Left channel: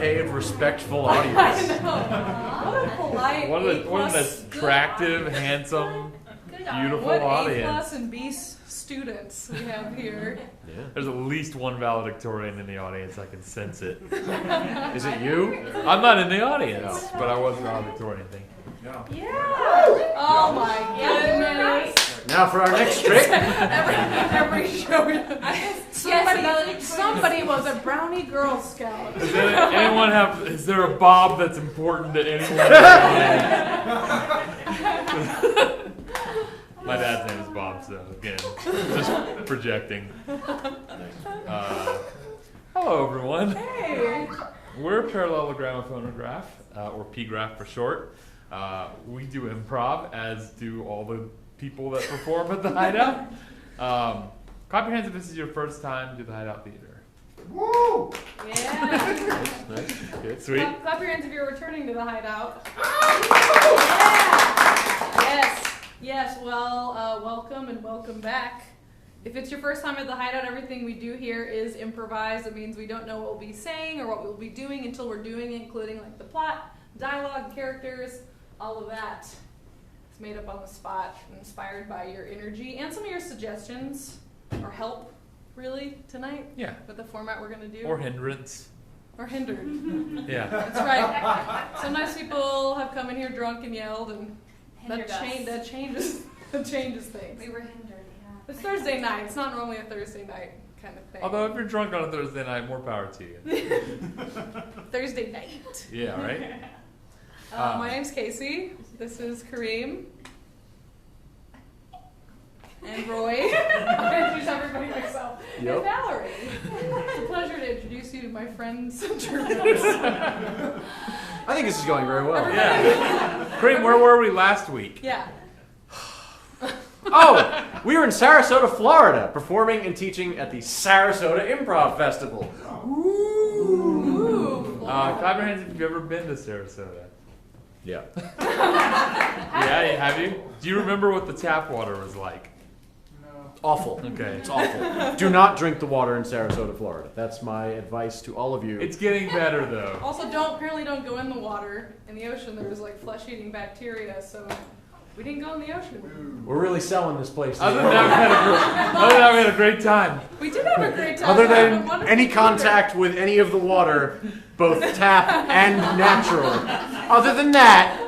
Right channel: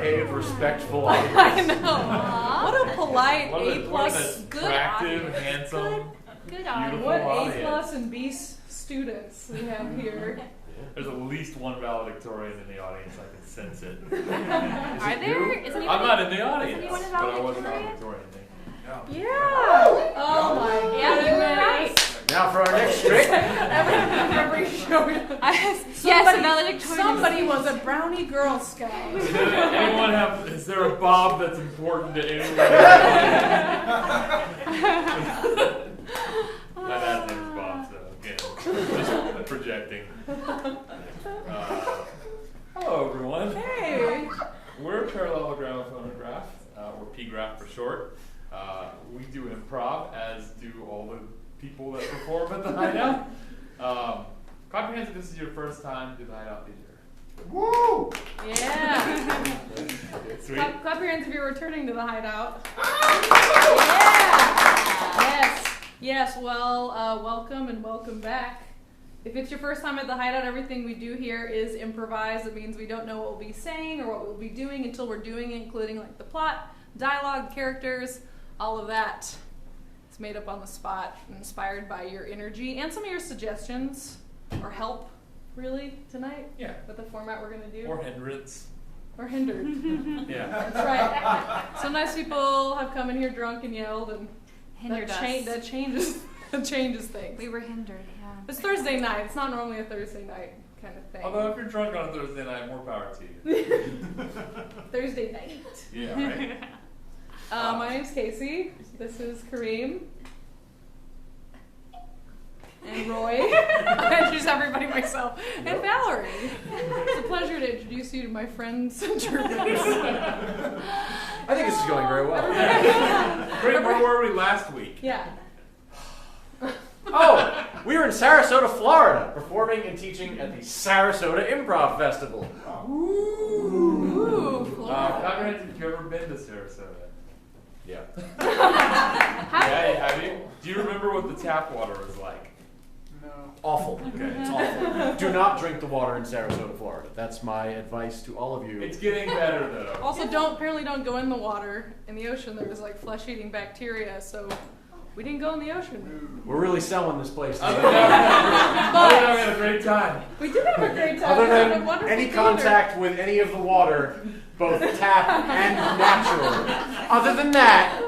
well-behaved, respectful audience. I know. What a polite What A+. an attractive, handsome, beautiful What audience. A+ and B students we have here. There's at least one valedictorian in the audience. I can sense it. Is it you? I'm not in the audience, but I was a valedictorian. Thank you. Yeah. Oh my goodness. Now for our next trick. Every show. Somebody was a brownie Girl Scout. Is there a Bob that's important to anyone? My dad's name is Bob, so again, just projecting. Hello, everyone. Hey. We're Parallelogramophonograph, or P-graph for short. We do improv, as do all the people that perform at the Hideout. Clap your hands if this is your first time to the Hideout Theater. Woo! Yeah. Sweet. Clap your hands if you're returning to the Hideout. Yeah. Yes. Well, welcome and welcome back. If it's your first time at the Hideout, everything we do here is improvised. It means we don't know what we'll be saying or what we'll be doing until we're doing it, including like the plot, dialogue, characters, all of that. It's made up on the spot, inspired by your energy and some of your suggestions or help, really, tonight. Yeah. With the format we're going to do. Or hindrance. Or hindered. Yeah. That's right. Sometimes people have come in here drunk and yelled, and Hindered that changes things. We were hindered, yeah. It's Thursday night. It's not normally a Thursday night kind of thing. Although if you're drunk on a Thursday night, more power to you. Thursday night. Yeah, right? My name's Casey. This is Kareem. And Roy. I'll introduce everybody myself. Yep. And Valerie. It's a pleasure to introduce you to my friends. I think this is going very well. Yeah. Kareem, where were we last week? Yeah. Oh, we were in Sarasota, Florida, performing and teaching at the Sarasota Improv Festival. Ooh. Clap your hands if you've ever been to Sarasota. Yeah. Yeah, have you? Do you remember what the tap water was like? Awful. Okay. It's awful. Do not drink the water in Sarasota, Florida. That's my advice to all of you. It's getting better, though. Also, apparently don't go in the water. In the ocean, there was like flesh-eating bacteria, so we didn't go in the ocean. We're really selling this place. Other than that, we had a great time. We did have a great time. Other We had a than wonderful any theater. contact with any of the water, both tap and natural. Other than that,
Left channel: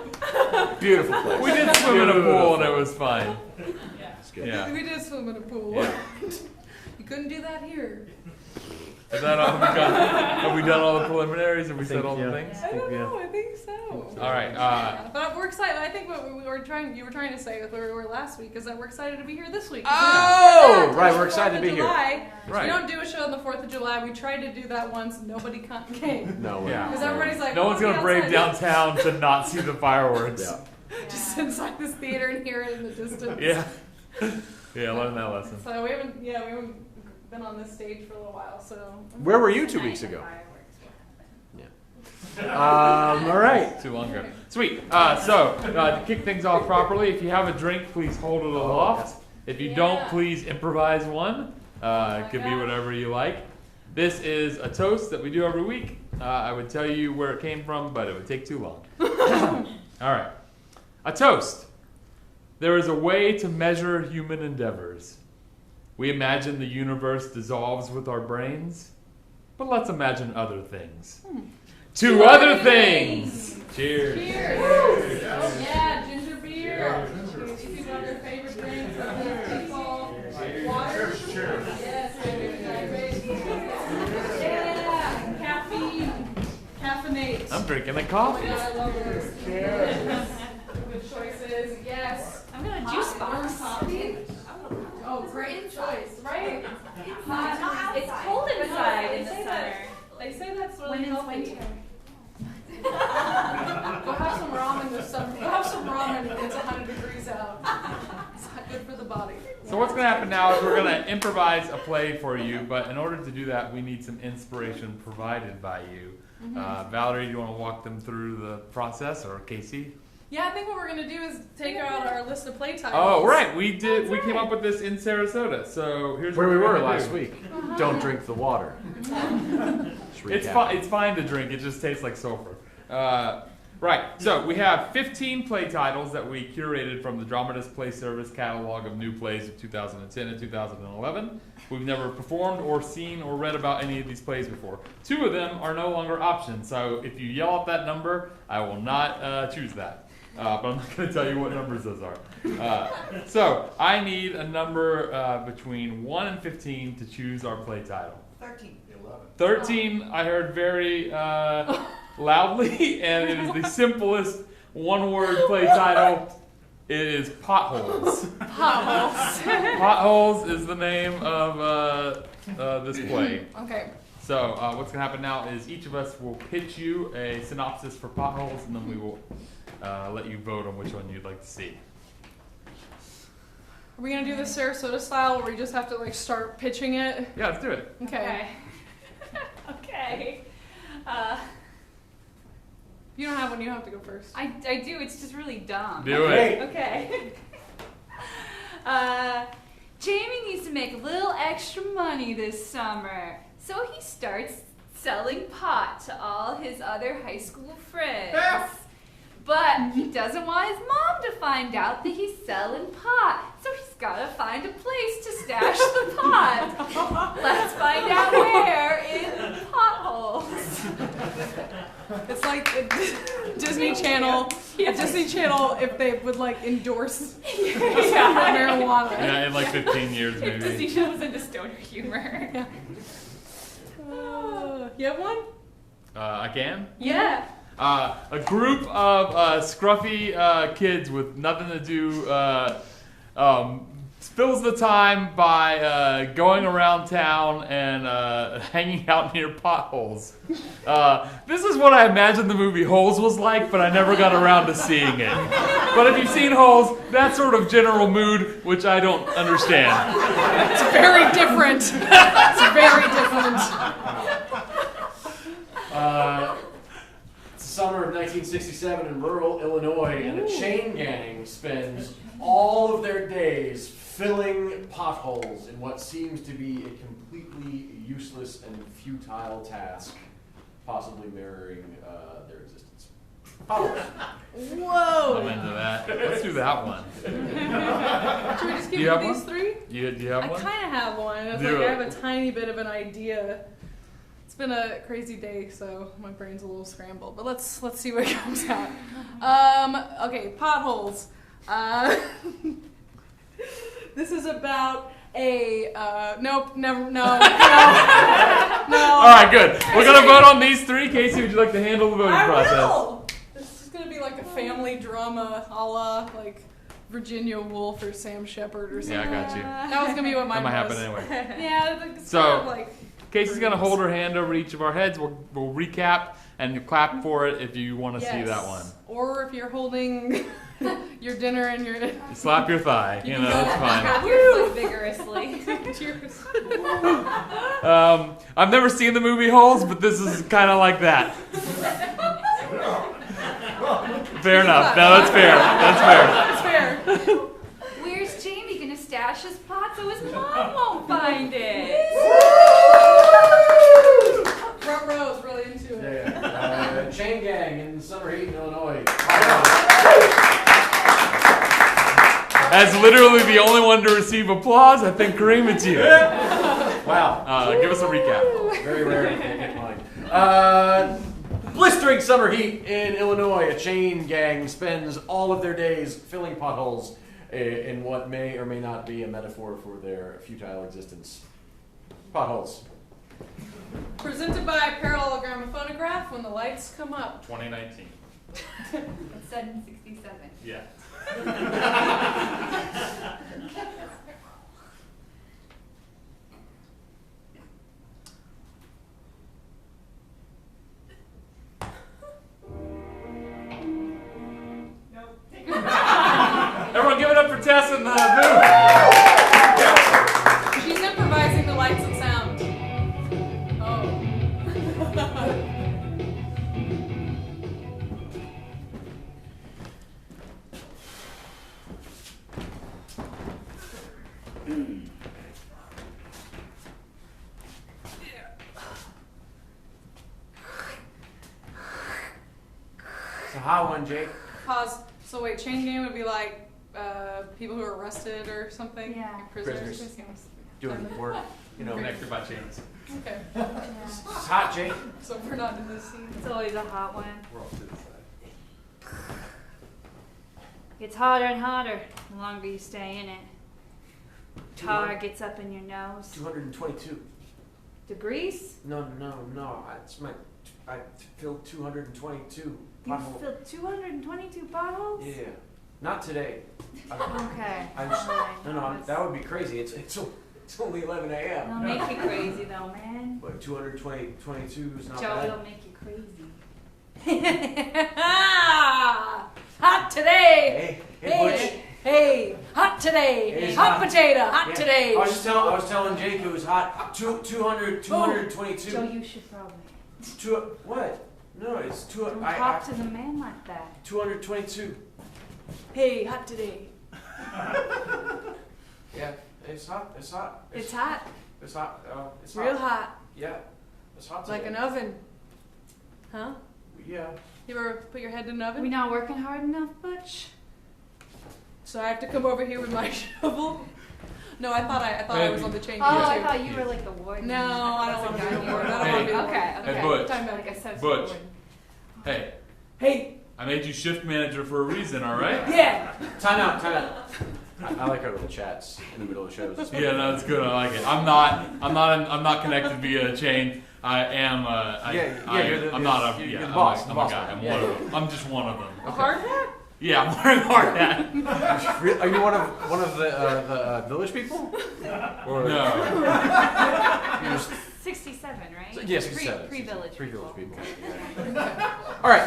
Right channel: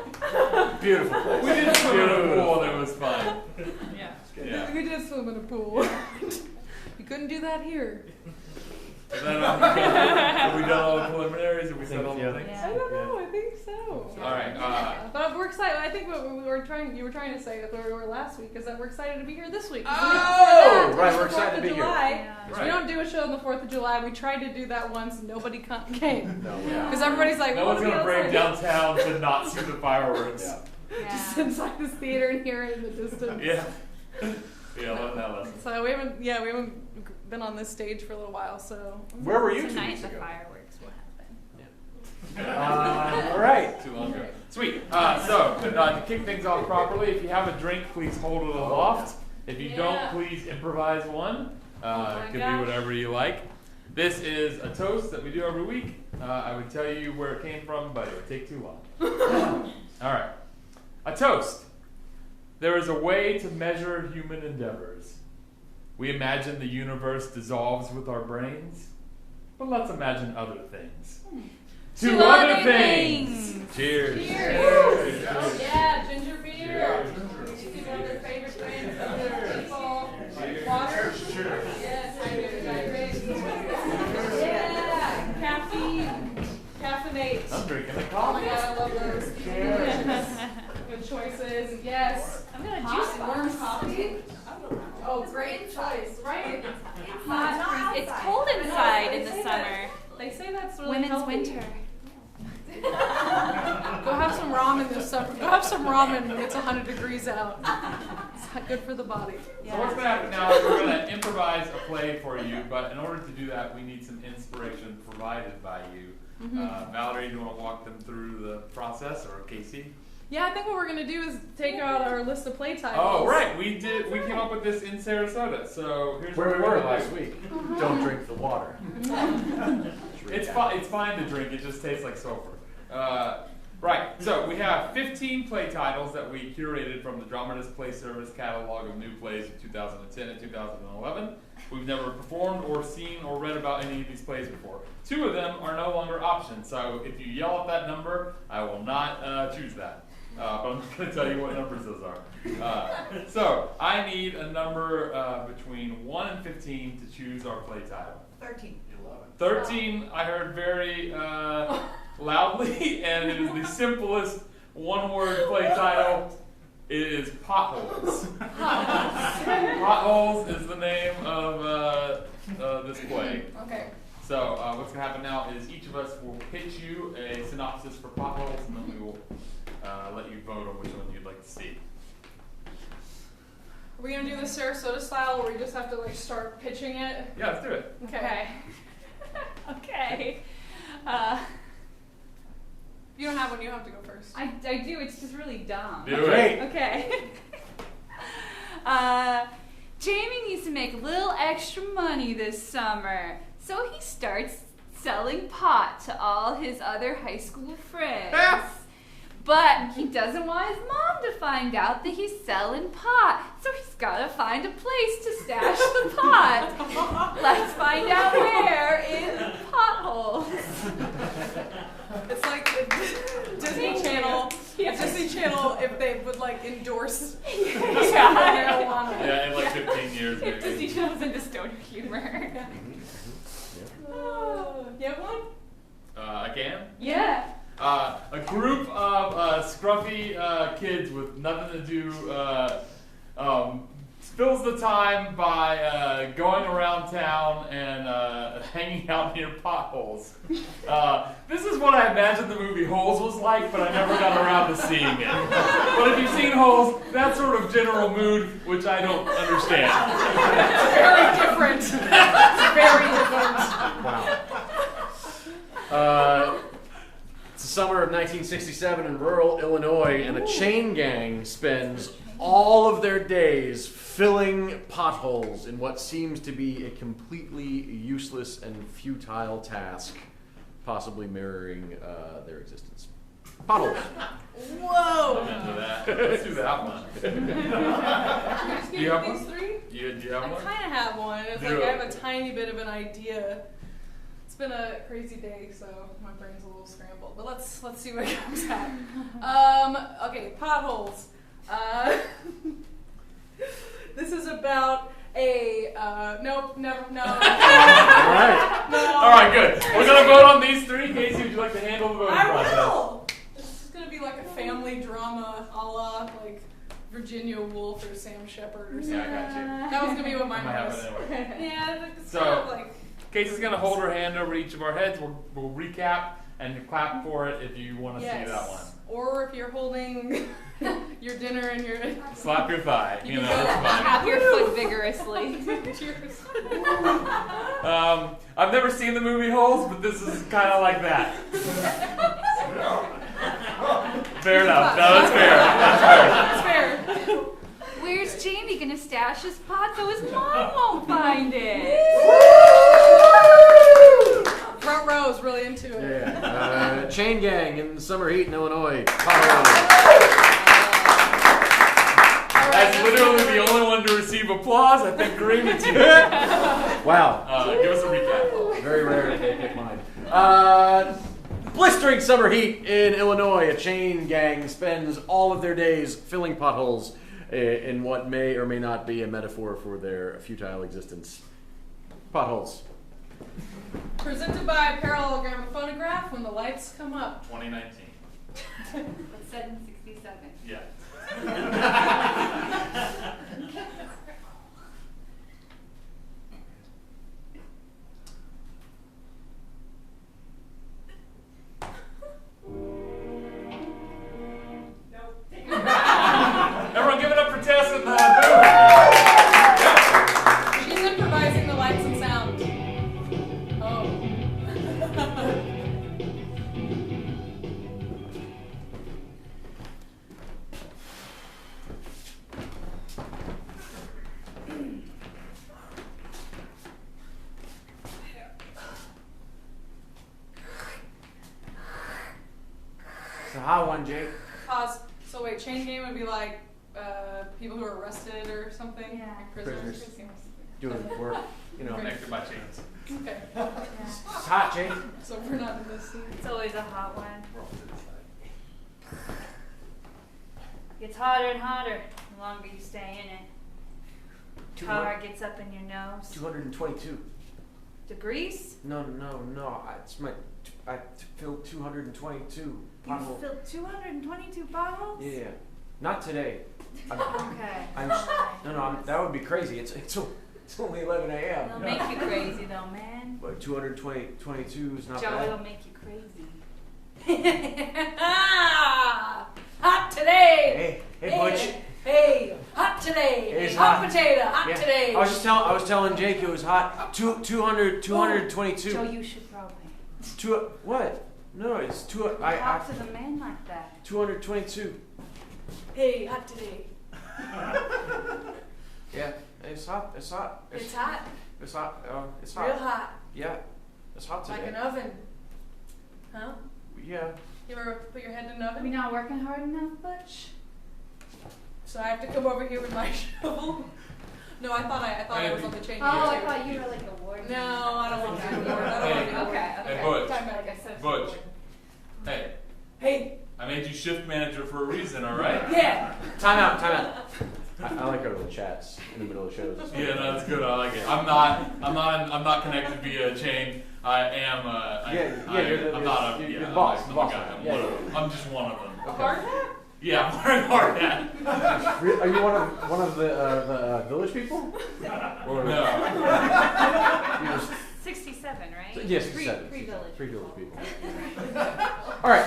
beautiful place. We did swim in a pool and it was fine. Yeah. We did swim in a pool. Yeah. You couldn't do that here. Is that all? Have we done all the preliminaries? Have we said all the yeah. things? I don't know. I think so. All right. But we're excited. I think what you were trying to say with where we were last week is that we're excited to be here this week. Oh, right. We're excited to be here. July. Right. We don't do a show on the 4th of July. We tried to do that once. Nobody came. No. Yeah. Because everybody's like, No one's going to brave downtown to not see the fireworks. Yeah. Just inside this theater and hear it in the distance. Yeah. Yeah, I learned that lesson. So we haven't been on this stage for a little while. So Where were you 2 weeks ago? Fireworks will happen. All right. Too long ago. Sweet. So, to kick things off properly, if you have a drink, please hold it aloft. If you don't, please improvise one. It could be whatever you like. This is a toast that we do every week. I would tell you where it came from, but it would take too long. All right. A toast. There is a way to measure human endeavors. We imagine the universe dissolves with our brains, but let's imagine other things. To other things! Cheers. Cheers! Yeah, ginger beer. People have their favorite drinks, water. Yes, yeah, caffeine. Caffeinate. I'm drinking a Oh my coffee. god, I love this. Cheers. Good choices. Yes. I'm gonna juice box. Oh, great choice, right? It's cold inside in the summer. They say that's really Women's healthy. winter. Go have some ramen this summer. Go have some ramen when it's 100 degrees out. It's good for the body. So what's going to happen now is we're going to improvise a play for you, but in order to do that, we need some inspiration provided by you. Valerie, do you want to walk them through the process, or Casey? Yeah, I think what we're gonna do is take out our list of play titles. Oh, right. We came up with this in Sarasota. So here's Where what we we're were gonna last do. week. Don't drink the water. It's recap. it's fine to drink. It just tastes like sulfur. Right. So we have 15 play titles that we curated from the Dramatist Play Service catalog of new plays of 2010 and 2011. We've never performed or seen or read about any of these plays before. 2 of them are no longer options. So if you yell at that number, I will not choose that. But I'm not going to tell you what numbers those are. So I need a number between 1 and 15 to choose our play title. 13. 13, I heard very loudly, and it is the simplest one-word play title. It is Potholes. Potholes is the name of this play. Okay. So what's going to happen now is each of us will pitch you a synopsis for Potholes, and then we will let you vote on which one you'd like to see. Are we gonna do the Sarasota style where we just have to like start pitching it? Yeah, let's do it. Okay. Okay. You don't have one, you have to go first. I do, it's just really dumb. Do it. Okay. Jamie needs to make a little extra money this summer, so he starts selling pot to all his other high school friends. But he doesn't want his mom to find out that he's selling pot, so he's gotta find a place to stash the pot. Let's find out where in Potholes. It's like the Disney Channel. Yes. Disney Channel if they would like endorse Yeah. marijuana. Yeah, in like 15 years If Disney maybe. Channel was into stoner humor. You have one? I can? Yeah. A group of scruffy kids with nothing to do spills the time by going around town and hanging out near potholes. This is what I imagined the movie Holes was like, but I never got around to seeing it. But if you've seen Holes, that sort of general mood, which I don't understand. It's very different. It's very different. Wow. It's the summer of 1967 in rural Illinois, and a chain gang spends all of their days filling potholes in what seems to be a completely useless and futile task, possibly mirroring their existence. Potholes. I'm Whoa! into that. Let's do that one. Should we just Do give you you have these one? 3? Do you I have one? kind of have one. It's Do like it. I have a tiny bit of an idea. It's been a crazy day, so my brain's a little scrambled. But let's see what comes out. Okay, potholes. This is about a nope, never, no. All right, good. We're gonna vote on these 3. Casey, would you like to handle the voting I process? will. This is gonna be like a family drama, a la like Virginia Woolf or Sam Shepard or something. Yeah, I got you. That was gonna be what mine That might was. happen anyway. Yeah, it's So- kind of like. Casey's gonna hold her hand over each of our heads. We'll recap and clap for it if you want to see that one. Or if you're holding your dinner and your Slap your thigh. You know, it's fine. Tap your foot vigorously. cheers. I've never seen the movie Holes, but this is kind of like that. Fair enough. No, that's fair. That's fair. That's fair. Where's Jamie gonna stash his pot so his mom won't find it? Front row is really into it. Yeah. Chain gang in the summer heat in Illinois. As literally the only one to receive applause, I think Kareem, it's you. Wow. Give us a recap. Very rare to get mine. Blistering summer heat in Illinois. A chain gang spends all of their days filling potholes in what may or may not be a metaphor for their futile existence. Potholes. Presented by Parallelogramophonograph when the lights come up. 2019. It's said in 67. Yeah. Everyone give it up for Tess in the booth. She's improvising the lights and sound. Oh. It's a hot one, Jake. Pause. So wait, chain gang would be like people who are arrested or something? Yeah. Prisoners. Doing work, you know. Connected by chains. Okay. It's hot, Jake. So we're not in this scene. It's always a hot one. We're all to the side. It's hotter and hotter the longer you stay in it. Tar gets up in your nose. 222. Degrees? No. I filled 222 You potholes. filled 222 bottles? Yeah. Not today. Okay. That would be crazy. It's only 11 a.m. It'll make you crazy though, man. But 222 is not Joe, bad. it'll make you crazy. Hot today. Hey, Butch. Hey, hot today. It's hot hot. potato, hot Yeah. today. I was telling Jake it was hot. 222. Joe, you should probably. What? No, it's two. Don't talk to the man like that. 222. Hey, hot today. Yeah, it's hot. It's hot. It's hot. It's hot. It's hot. Real hot. Yeah, it's hot today. Like an oven. Huh? Yeah. You ever put your head in an Are we oven? not working hard enough, Butch? So I have to come over here with my shovel? No, I thought I was on the chain. Oh, I gang, too. thought you were like the warden. No, I don't want to be the warden. I don't Hey. want to be the Okay, warden. okay. Hey, Butch. Time Like back. a substitute Butch. warden. Hey, Hey, I made you shift manager for a reason, all right? yeah. Time out. I like our little chats in the middle of shows. Yeah, no, it's good. I like it. I'm not connected via chain. I am. I'm not a. you're Yeah, the boss. I'm The a boss guy. man. I'm Yeah, one yeah. of them. I'm just one of them. A hard hat? Yeah, I'm wearing a hard hat. Are you one of the village people? Or No. you just 67, right? yeah, 67. Pre-village. Pre-village people. All right.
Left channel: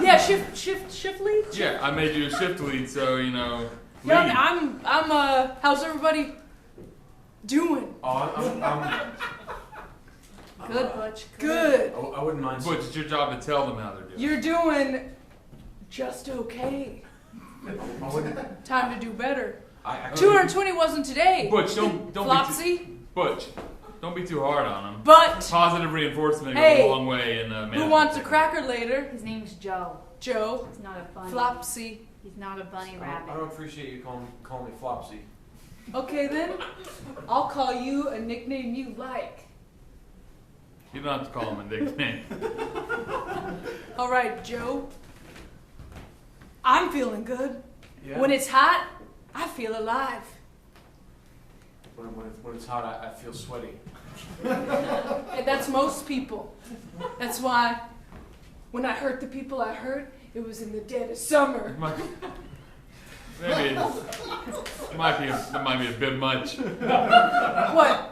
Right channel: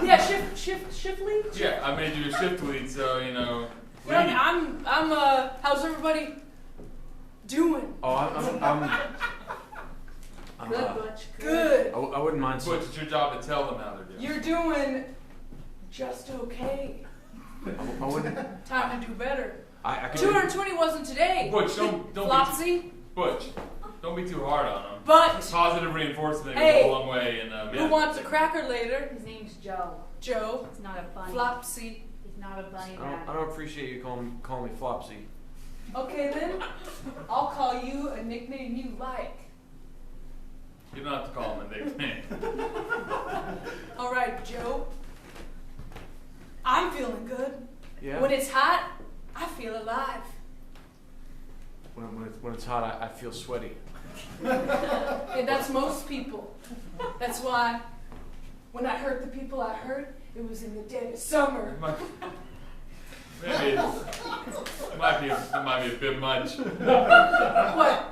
Yeah, shift lead? Yeah, I made you a shift lead, so you know. Yeah, lead. I'm how's everybody doing? Oh, I'm Good, Butch. Good. I wouldn't mind. Butch, it's your job to tell them how they're doing. You're doing just okay. I wouldn't. Time to do better. I could- 220 wasn't today. Butch, don't be too, Flopsy. Butch, don't be too hard on them. But Positive reinforcement Hey, goes a long way in who wants a cracker later? His name's Joe. Joe. He's not a bunny. Flopsy. He's not a bunny I rabbit. don't appreciate you calling me Flopsy. Okay then, I'll call you a nickname you like. You don't have to call him a nickname. All right, Joe. I'm feeling good. Yeah. When it's hot, I feel alive. When it's hot, I feel sweaty. And that's most people. That's why when I hurt the people I hurt, it was in the dead of summer. Maybe it might be a bit much. What?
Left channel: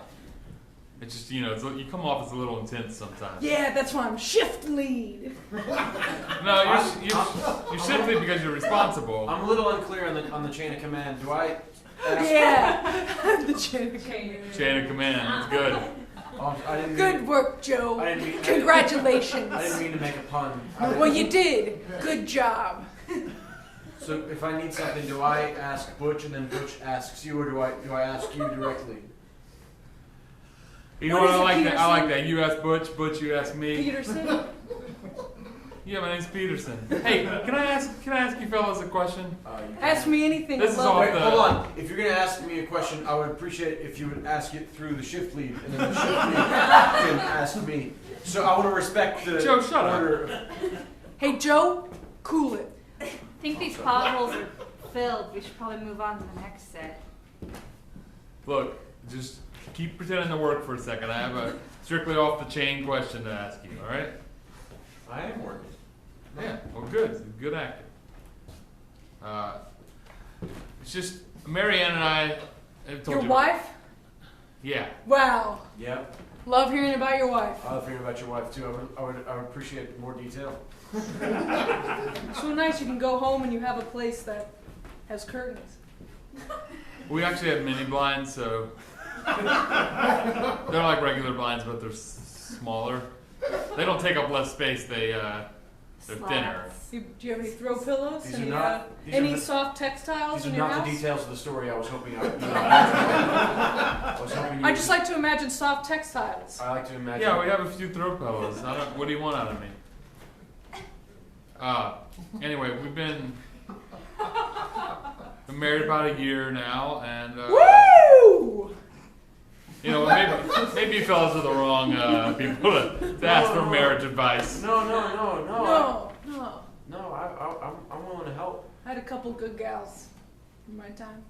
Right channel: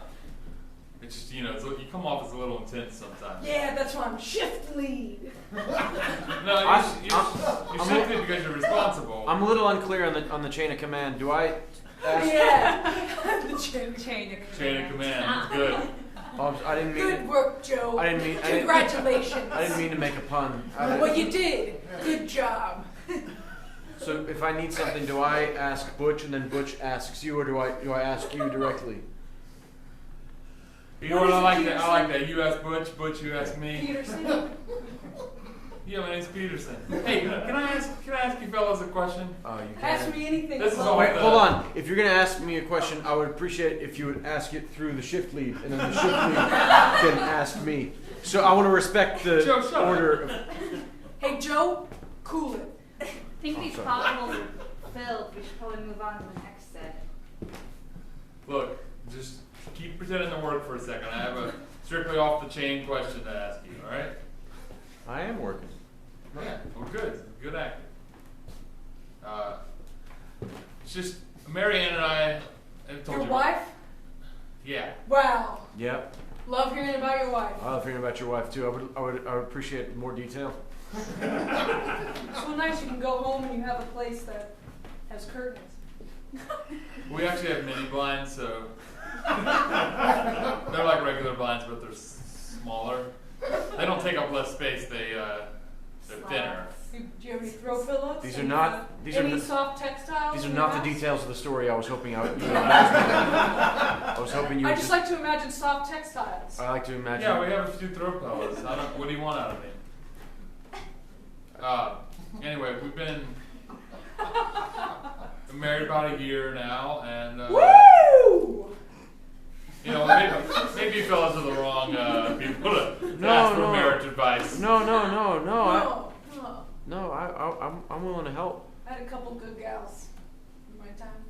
It's just you come off as a little intense sometimes. Yeah, that's why I'm shift lead. No, you're shifty because you're responsible. I'm a little unclear on the chain of command. Do I? Ask, Yeah, I'm the chain. Chain of command. That's good. I didn't mean. Good work, Joe. I didn't mean. Congratulations. I didn't mean to make a pun. Well, you did. Good job. So if I need something, do I ask Butch and then Butch asks you, or do I ask you directly? You know What what is I like it, that? I like that. You ask Butch, Butch you ask me. Peterson. Yeah, my name's Peterson. Hey, can I ask you fellas a question? You Ask can. me anything. This is I love all- it. Wait, hold on. If you're gonna ask me a question, I would appreciate if you would ask it through the shift lead, and then the shift lead can ask me. So I want to respect the Joe, shut up. order. Hey, Joe, cool it. I think these potholes are filled. We should probably move on to the next set. Look, just keep pretending to work for a second. I have a strictly off the chain question to ask you. All right? I am working. Yeah. Well, good. Good acting. It's just Marianne and I have told Your you. wife? Yeah. Wow. Yep. Love hearing about your wife. I love hearing about your wife too. I would appreciate more detail. So nice you can go home and you have a place that has curtains. We actually have mini blinds, so they're like regular blinds, but they're smaller. They don't take up less space. They're thinner. Do you have any throw pillows? These are Any, not- these are any not- soft textiles These are in your not house? the details of the story I was hoping I was hoping you. I just like to imagine soft textiles. I like to imagine. Yeah, we have a few throw pillows. What do you want out of me? Anyway, we've been married about a year now, and Woo! you know, maybe you fellas are the wrong people to ask for marriage advice. No. I'm willing to help. I had a couple good gals in my time.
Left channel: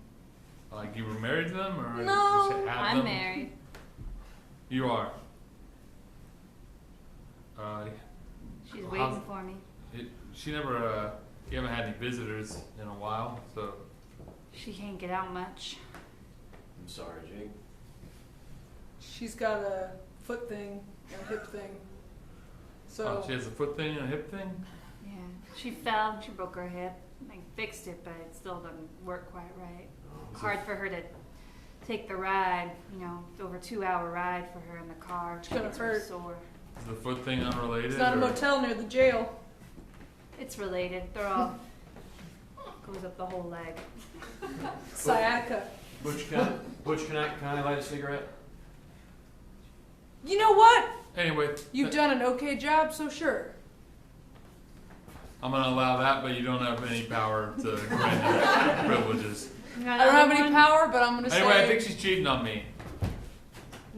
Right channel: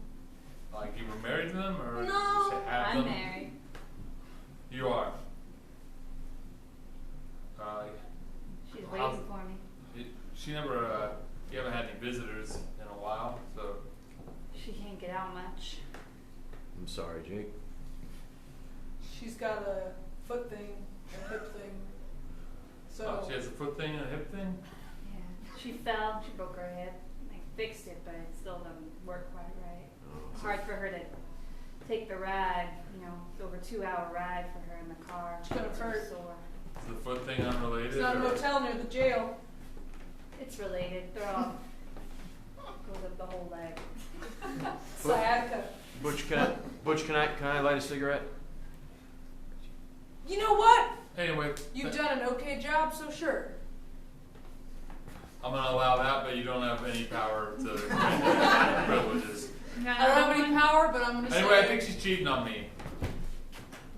Like you were married to them, or No. you had I'm them? married. You are. She's How's- waiting for me. She never. You haven't had any visitors in a while, so. She can't get out much. I'm sorry, Jake. She's got a foot thing and a hip thing. So She has a foot thing and a hip thing. Yeah. She fell. She broke her hip. I fixed it, but it still doesn't work quite right. Hard for her to take the ride. You know, over 2-hour ride for her in the car. It's gonna Gets her hurt. sore. Is the foot thing unrelated? it's not a or- motel near the jail. It's related. They're all goes up the whole leg. Sciatica. Butch, can I light a cigarette? You know what? Anyway, You've done an okay job, so sure. I'm gonna allow that, but you don't have any power to grant any privileges. I don't have any power, but I'm gonna Anyway, say. I think she's cheating on me.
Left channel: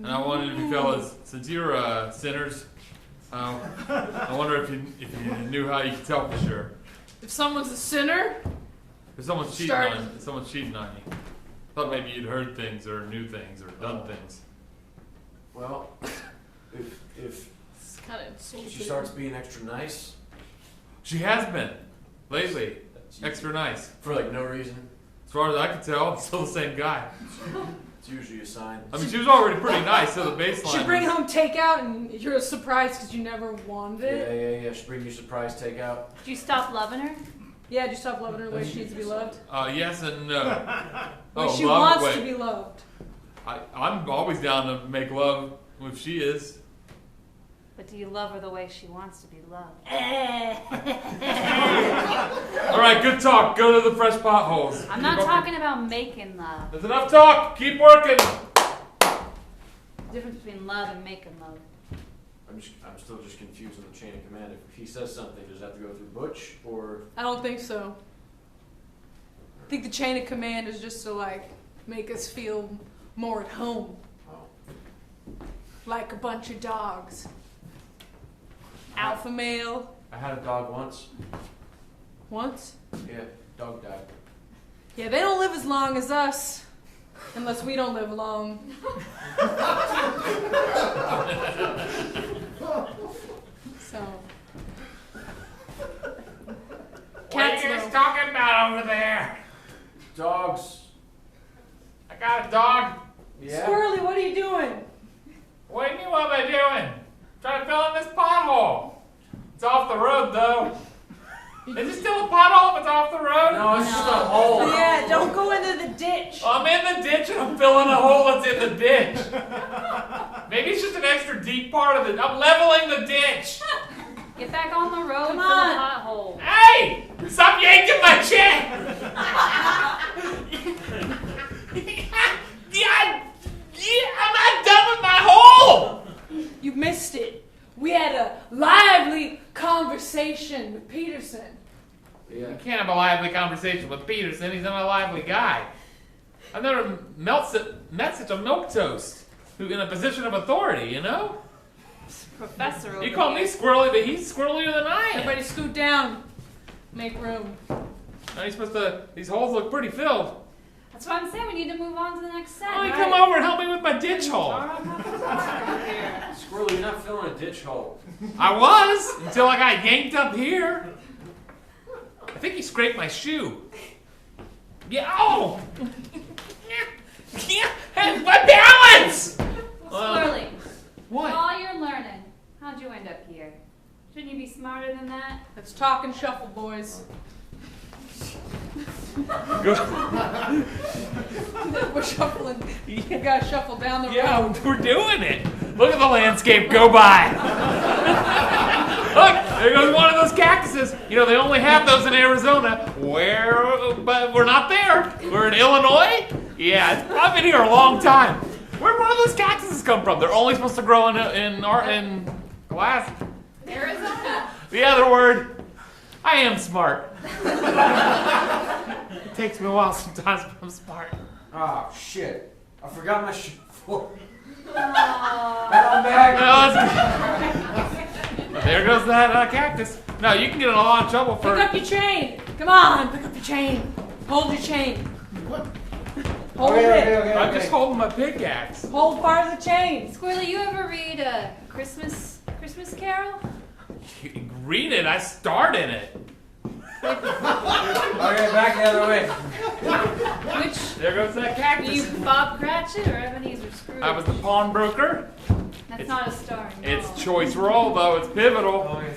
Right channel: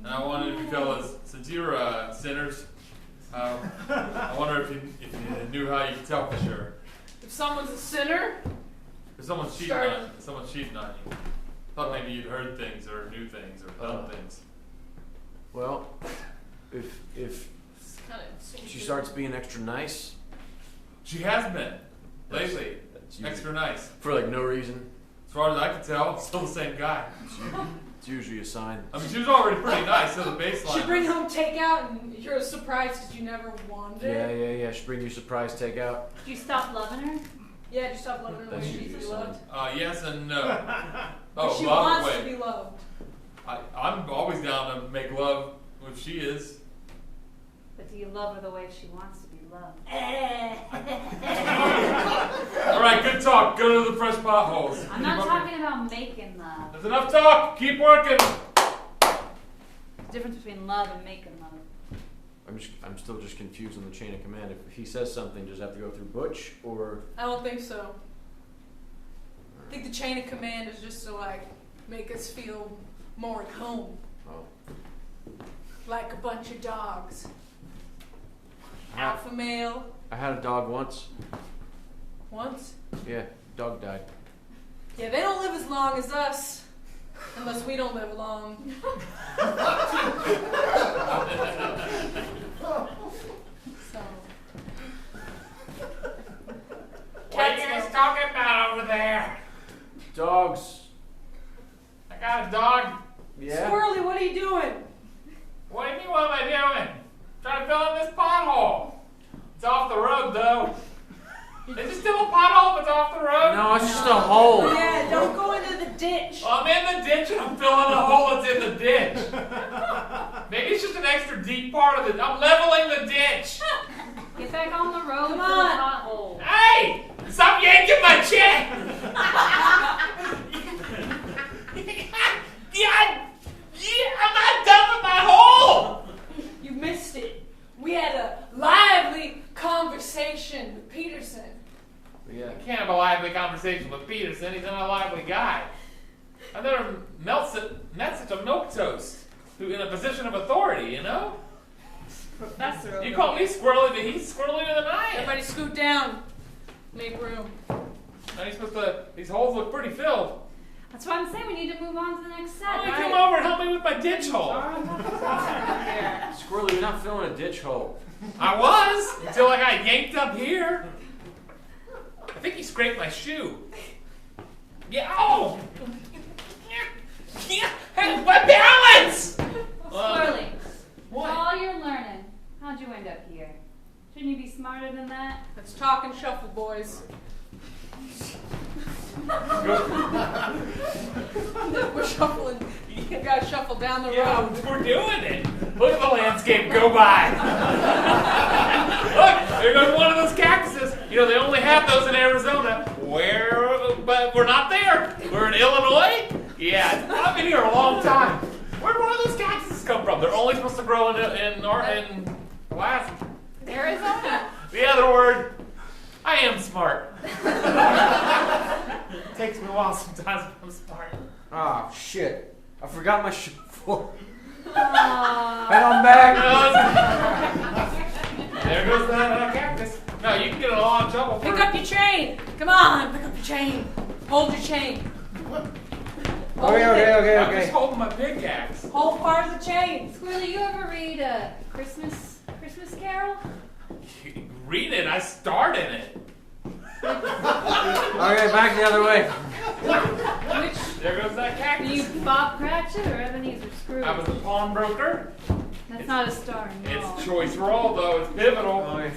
And I wanted you fellas, since you're sinners, I wonder if you knew how you could tell for sure. If someone's a sinner, If someone's cheating Start. on you. Thought maybe you'd heard things or knew things or done things. Well, if it's kind of. she starts being extra nice She has been lately. Extra nice. for like no reason, As far as I can tell, it's still the same guy. it's usually a sign. I mean, she was already pretty nice, so the baseline. She bring was- home takeout and you're surprised because you never wanted it. Yeah. She bring you surprise takeout. Did you stop loving her? Yeah, just stop loving her the way she needs to be loved. Yes and no. When she love, wants wait. to be loved. I'm always down to make love if she is. But do you love her the way she wants to be loved? All right, good talk. Go to the fresh potholes. I'm not talking about making love. There's enough talk. Keep working. The difference between love and making love. I'm still just confused on the chain of command. If he says something, does it have to go through Butch or? I don't think so. I think the chain of command is just to like make us feel more at home. Oh. Like a bunch of dogs. Alpha male. I had a dog once. Once. Yeah, dog died. Yeah, they don't live as long as us. Unless we don't live long. So. What are Cats you guys know. talking about over there? Dogs. I got a dog. Yeah. Squirrely, what are you doing? What do you mean, what am I doing? Trying to fill in this pothole. It's off the road, though. Is it still a pothole if it's off the road? No, it's just a hole. Yeah, don't go into the ditch. I'm in the ditch and I'm filling a hole that's in the ditch. Maybe it's just an extra deep part of it. I'm leveling the ditch. Get back on the road Come for the on. pothole. Hey! Stop yanking my check! I'm not done with my hole! You missed it. We had a lively conversation with Peterson. Yeah. I can't have a lively conversation with Peterson. He's not a lively guy. I've never met such a milquetoast who's in a position of authority, you know? Professor over You call me here. squirrely, but he's squirrelier than I am. Everybody scoot down. Make room. Now he's supposed to, these holes look pretty filled. That's why I'm saying we need to move on to the next set. Why don't you right? come over and help me with my ditch hole? Squirrely, you're not filling a ditch hole. I was, until I got yanked up here. I think he scraped my shoe. Yeah, oh! Hey, my balance! Squirrely, What? all you're learning, how'd you end up here? Shouldn't you be smarter than that? Let's talk and shuffle, boys. We're shuffling. You gotta shuffle down the Yeah, road. we're doing it. Look at the landscape go by. Look, there goes one of those cactuses. You know, they only have those in Arizona. But we're not there. We're in Illinois. Yeah, I've been here a long time. Where'd one of those cactuses come from? They're only supposed to grow in glass. Arizona? The other word. I am smart. It takes me a while sometimes, but I'm smart. Ah, shit. I forgot my floor. Aw. And I'm back. There goes that cactus. No, you can get in a lot of trouble for. Pick up your chain. Come on, pick up your chain. Hold your chain. Hold it. I'm just holding my pickaxe. Hold part of the chain. Squirrely, you ever read a Christmas Carol? Read it. I starred in it. Okay, back the other way. Which There goes that were cactus. you Bob Cratchit or Ebenezer Scrooge? I was the pawnbroker. That's not a star. No. It's choice roll, though. It's pivotal. Okay.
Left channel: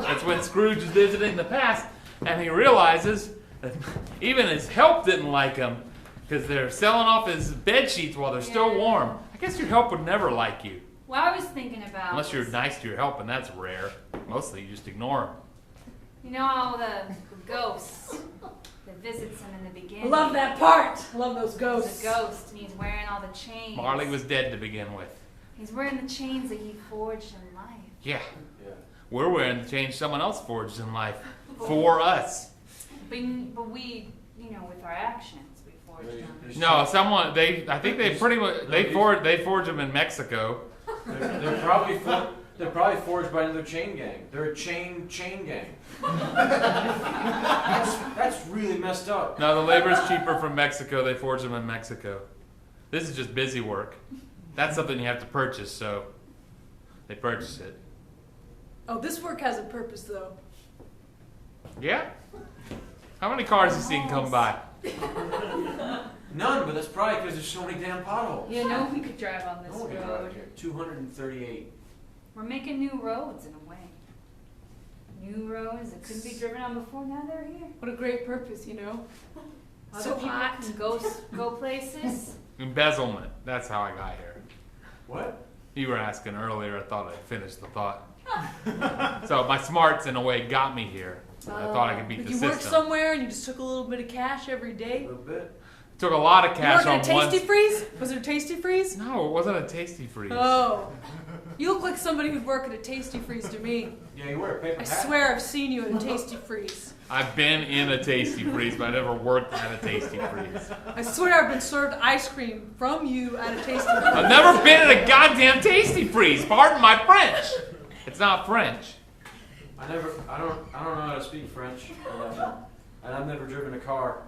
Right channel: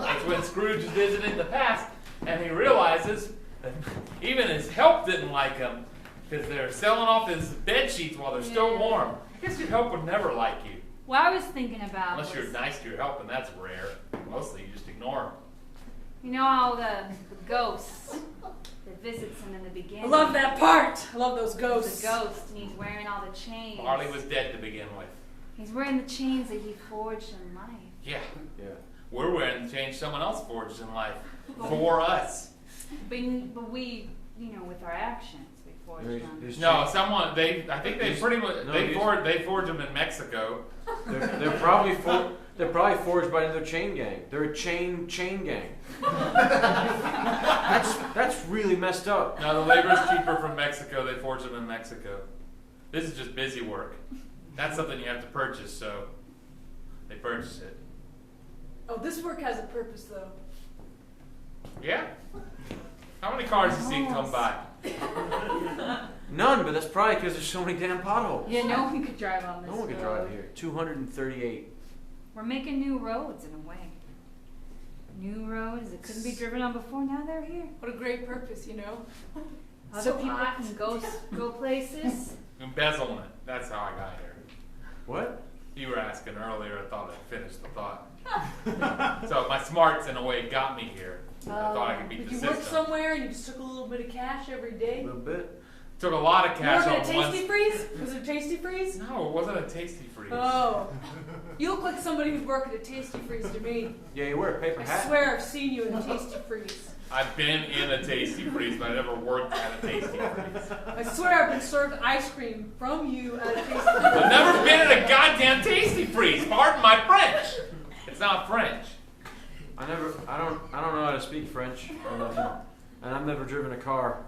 That's when Scrooge is visiting the past, and he realizes that even his help didn't like him because they're selling off his bed sheets while they're still Yeah. warm. I guess your help would never like you, What I was thinking about. unless you're was, nice to your help, and that's rare. Mostly you just ignore them. You know how the ghosts that visits him in the beginning. I love that part. I love those He's ghosts. a ghost, and he's wearing all the chains. Marley was dead to begin with. He's wearing the chains that he forged in life. Yeah, Yeah. we're wearing the change someone else forged in life for us. But we, with our actions, we forged them. No, someone I think they pretty much they forge them in Mexico. They're probably forged by another chain gang. They're a chain gang. That's really messed up. No, the labor's cheaper from Mexico. They forge them in Mexico. This is just busy work. That's something you have to purchase, so they purchase it. Oh, this work has a purpose, though. Yeah? How many cars have you seen come by? None, but that's probably because there's so many damn potholes. Yeah, no one could drive on this No one can road. drive here. 238. We're making new roads in a way. New roads that couldn't be driven on before. Now they're here. What a great purpose, you know? Other So people hot. can go places. Embezzlement. That's how I got here. What? You were asking earlier. I thought I'd finished the thought. So my smarts, in a way, got me here. I thought I could beat Like the you system. worked somewhere and you just took a little bit of cash every A day. little bit. Took a lot of You cash worked at on one. Tasty Freeze? Was there Tasty Freeze? No, it wasn't a Tasty Freeze. Oh. You look like somebody who'd work at a Tasty Freeze to me. Yeah, you wear a paper I hat. swear I've seen you at a Tasty Freeze. I've been in a Tasty Freeze, but I never worked at a Tasty Freeze. I swear I've been served ice cream from you at a Tasty Freeze. I've never been in a goddamn Tasty Freeze. Pardon my French. It's not French. I don't know how to speak French. And I've never driven a car.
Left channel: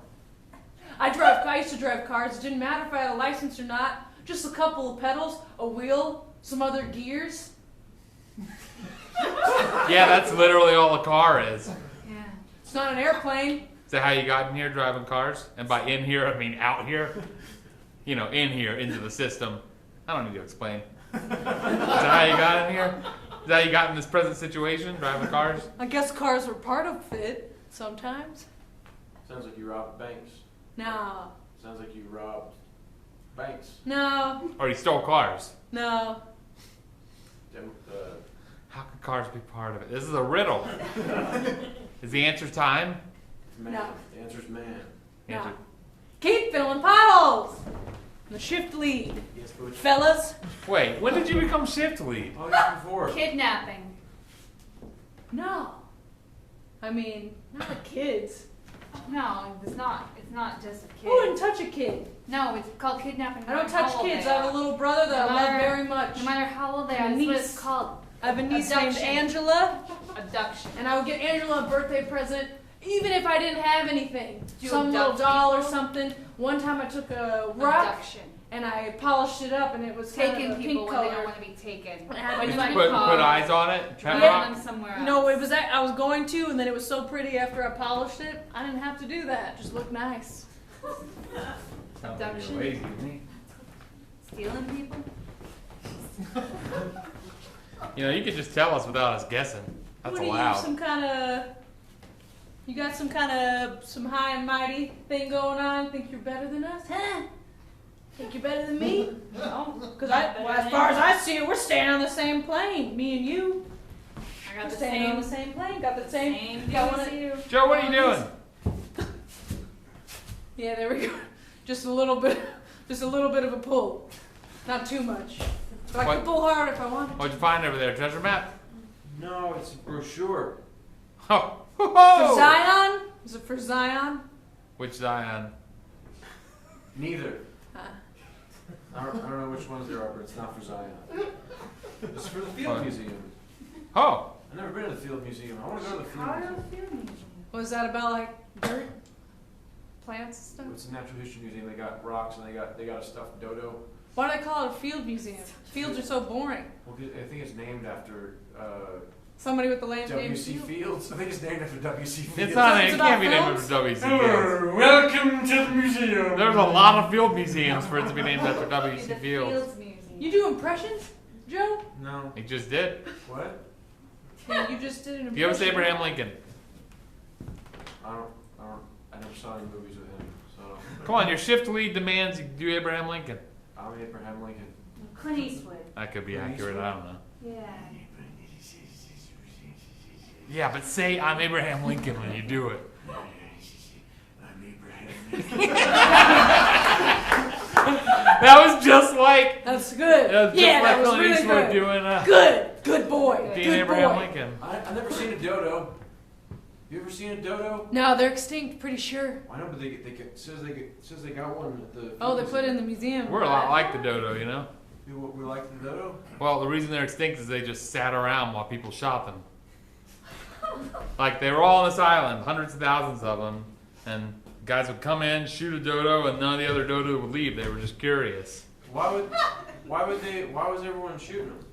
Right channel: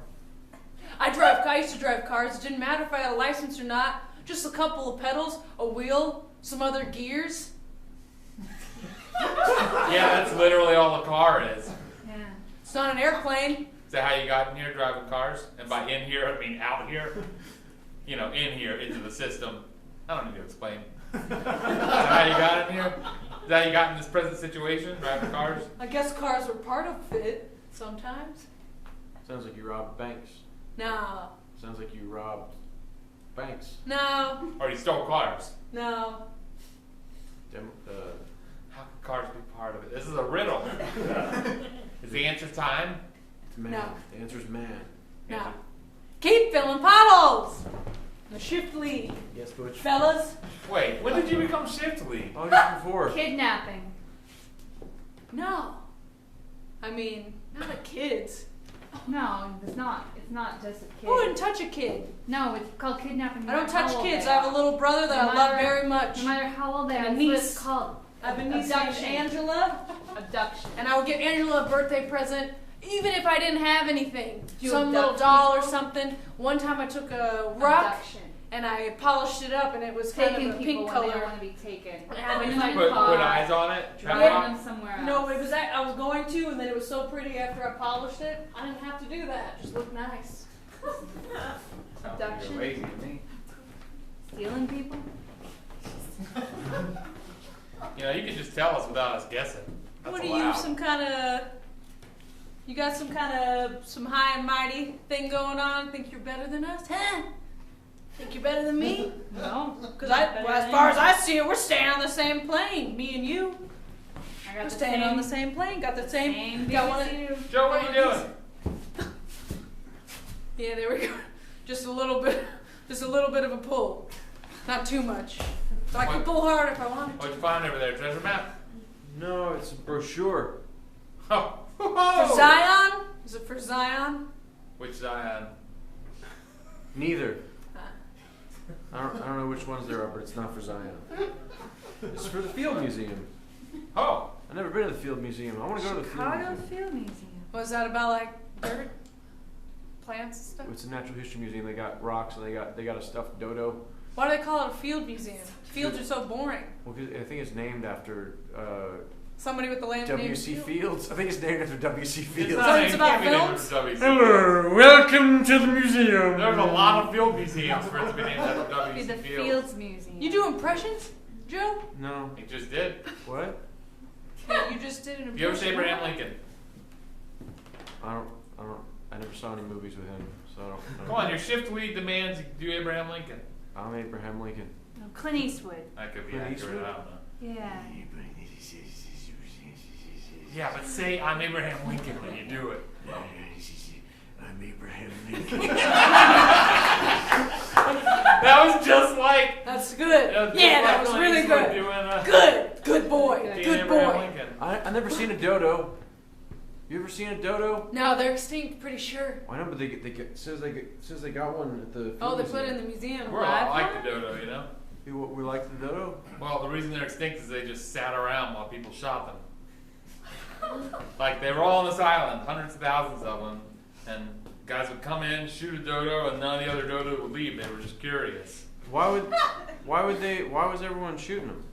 I used to drive cars. It didn't matter if I had a license or not. Just a couple of pedals, a wheel, some other gears. Yeah, that's literally all a car is. Yeah. It's not an airplane. Is that how you got in here driving cars? And by in here, I mean out here. You know, in here, into the system. I don't need to explain. Is that how you got in here? Is that how you got in this present situation, driving cars? I guess cars were part of it sometimes. Sounds like you robbed banks. No. Sounds like you robbed banks. No. Or you stole cars? No. How could cars be part of it? This is a riddle. Is the answer time? Man. No. The answer's man. No. Answer. Keep filling potholes. The shift lead. Yes, Butch. Fellas. Wait, when did you become shift lead? Oh, just before. Kidnapping. No. I mean, not the kids. No, it's not. It's not just a kid. I wouldn't touch a kid. No, it's called kidnapping. I don't no matter touch how old kids. they I have are. a little brother that No I love matter- very much. No matter how old they And a are, that's what niece. it's called. I have a niece named Abduction. Angela, Abduction. and I would get Angela a birthday present, even if I didn't have anything. Do you Some little abduct doll or people? something. One time I took a rock Abduction. and I polished it up, and it was kind Taking of a people pink when they color. don't want to be taken. It had Put to them be in Put a car. eyes on it? Driving Pet rock? them somewhere else. No, it was I was going to, and then it was so pretty after I polished it. I didn't have to do that. It just looked nice. Sounds like Abduction. you're lazy to me. Stealing people. You know, you could just tell us without us guessing. That's What are you, allowed. some kind of? You got some high and mighty thing going on? Think you're better than us? Huh? Think you're better than me? No. Because as far as I see it, we're staying on the same plane. Me and you. I We're got the staying on the same. same plane. Got the same. Same got deal one as of- you. Joe, what are you doing? Yeah, there we go. Just a little bit of a pull. Not too much. But I What? could pull hard if I wanted to. What'd you find over there? Treasure map? No, it's a brochure. Oh, For Zion? Is it for Zion? Which Zion? Neither. I don't know which ones there are, but it's not for Zion. It's for the Field Museum. Oh. I've never been to the Field Museum. I want to go to the Field Museum. Was that about like dirt, plants and stuff? It's a natural history museum. They got rocks and they got a stuffed dodo. Why do they call it a field museum? Fields are so boring. Well, I think it's named after Somebody with the land name W.C. Fields. I think it's named after W.C. Fields. It's not. it's It about can't be named films? after W.C. Hello, Fields. welcome to the museum. There's a lot of field museums for it to be named after It'd be W.C. the Fields. Fields Museum. You do impressions, Joe? No. He just did. What? Yeah, you just did an impression. Do you ever say Abraham Lincoln? I never saw any movies with him, so I don't know. Come on, your shift lead demands you do Abraham Lincoln. I'm Abraham Lincoln. No, Clint Eastwood. That could be Clint accurate. Eastwood? I don't know. Yeah. Yeah, but say I'm Abraham Lincoln when you do it. I'm Abraham Lincoln. That was just like. That's good. That was just Yeah, like that was Clint really Eastwood good. doing Good boy. being Good Abraham boy. Lincoln. I've never seen a dodo. You ever seen a dodo? No, they're extinct, pretty sure. I know, but they get, as soon as they got one at the. Oh, they Field put it in Museum. the museum. We're a lot like the dodo, you know. We like the dodo. Well, the reason they're extinct is they just sat around while people shot them. Like they were all on this island, hundreds of thousands of them, and guys would come in, shoot a dodo, and none of the other dodo would leave. They were just curious. Why was everyone shooting them?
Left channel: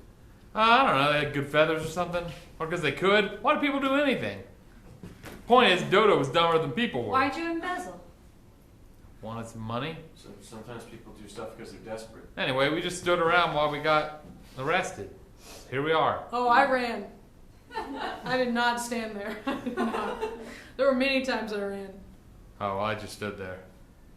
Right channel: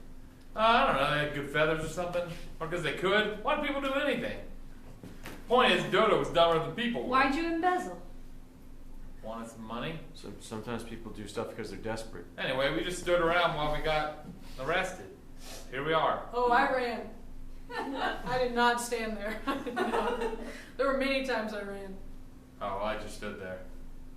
I don't know. They had good feathers or something, or because they could. Why do people do anything? Point is, dodo was dumber than people were. Why'd you embezzle? Wanted some money. So sometimes people do stuff because they're desperate. Anyway, we just stood around while we got arrested. Here we are. Oh, I ran. I did not stand there. I did not. There were many times I ran. Oh, well, I just stood there.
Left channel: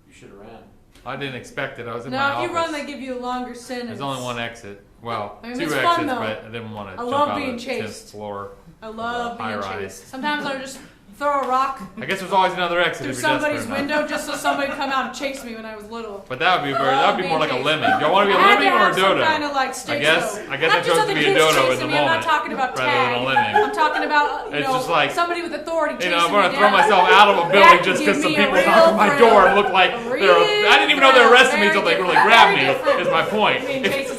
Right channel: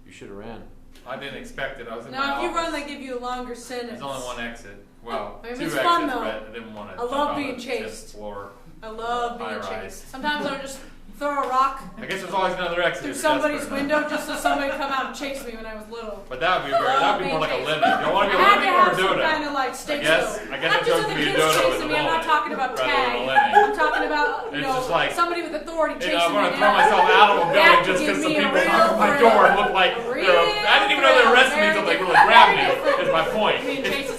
You should have ran. I didn't expect it. I was in my No, if you office. run, they give you a longer sentence. There's only one exit. Well, I mean, two it's exits, fun, though. but I didn't want to I jump love out being of the chased. fifth floor. I love being High rise. chased. Sometimes I would just throw a rock I guess there's always another exit through if you're somebody's desperate window enough. just so somebody would come out and chase me when I was little. But that would be very. That would be more like a lemming. Do you want to be a I had to lemming or a have some dodo? kind of like I stitch guess though. I Not chose just to other be a kids dodo in chasing the me. I'm moment not talking about rather tag. than a lemming. I'm talking about It's just like, somebody with authority chasing I'm me gonna throw down. myself out of a That building could just give because some me a people real knock on my thrill. door and look like I didn't even know they arrested me until they really grabbed me. Is my point.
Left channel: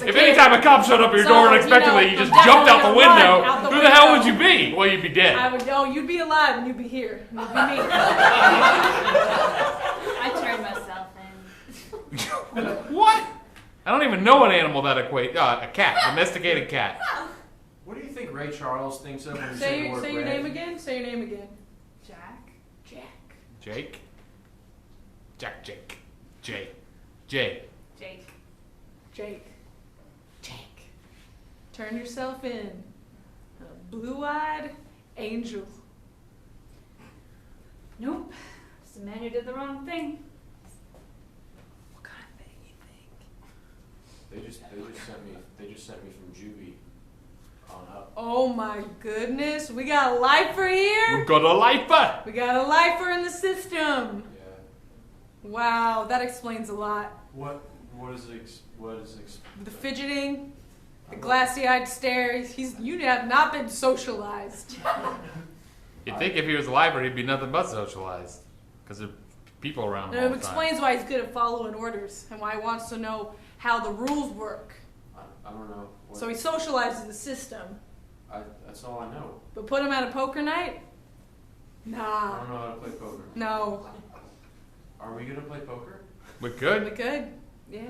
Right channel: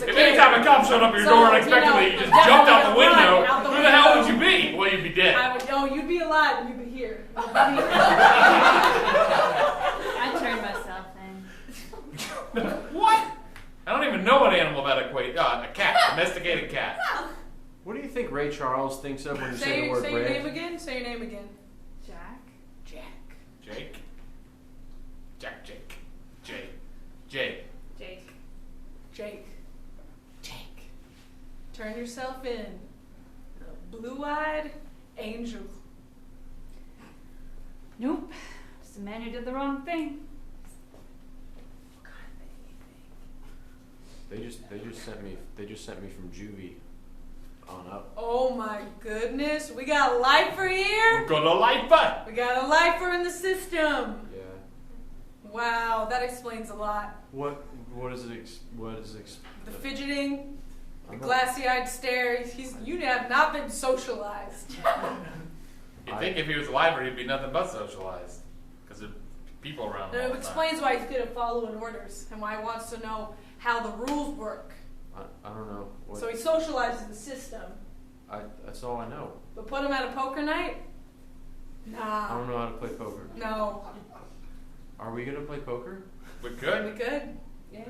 If any time a cop showed up at your door unexpectedly, you just jumped out the window, who the hell would you be? Well, you'd be dead. I would know you'd be alive and you'd be here. You'd be me. I turned myself in. What? I don't even know what animal that equates. A cat, domesticated cat. What do you think Ray Charles thinks of when you say Say, the word say your red? name again. Say your name again. Jack? Jack. Jake. Jake. Jay. Jay. Jake. Jake. Jake. Turn yourself in. A blue-eyed angel. Nope. Just a man who did the wrong thing. What kind of thing you think? They just sent me from juvie on up. Oh my goodness, we got a lifer here. We've got a lifer. We got a lifer in the system. Yeah. Wow, that explains a lot. What is it? The fidgeting, the glassy-eyed stare. You have not been socialized. You'd think if he was a lifer, he'd be nothing but socialized, because there's people around him And all it the time. explains why he's good at following orders and why he wants to know how the rules work. I don't know. What, So he socializes the system. that's all I know. But put him at a poker night? I Nah. don't know how to play poker. No. Are we gonna play poker? We could. We could. Yeah.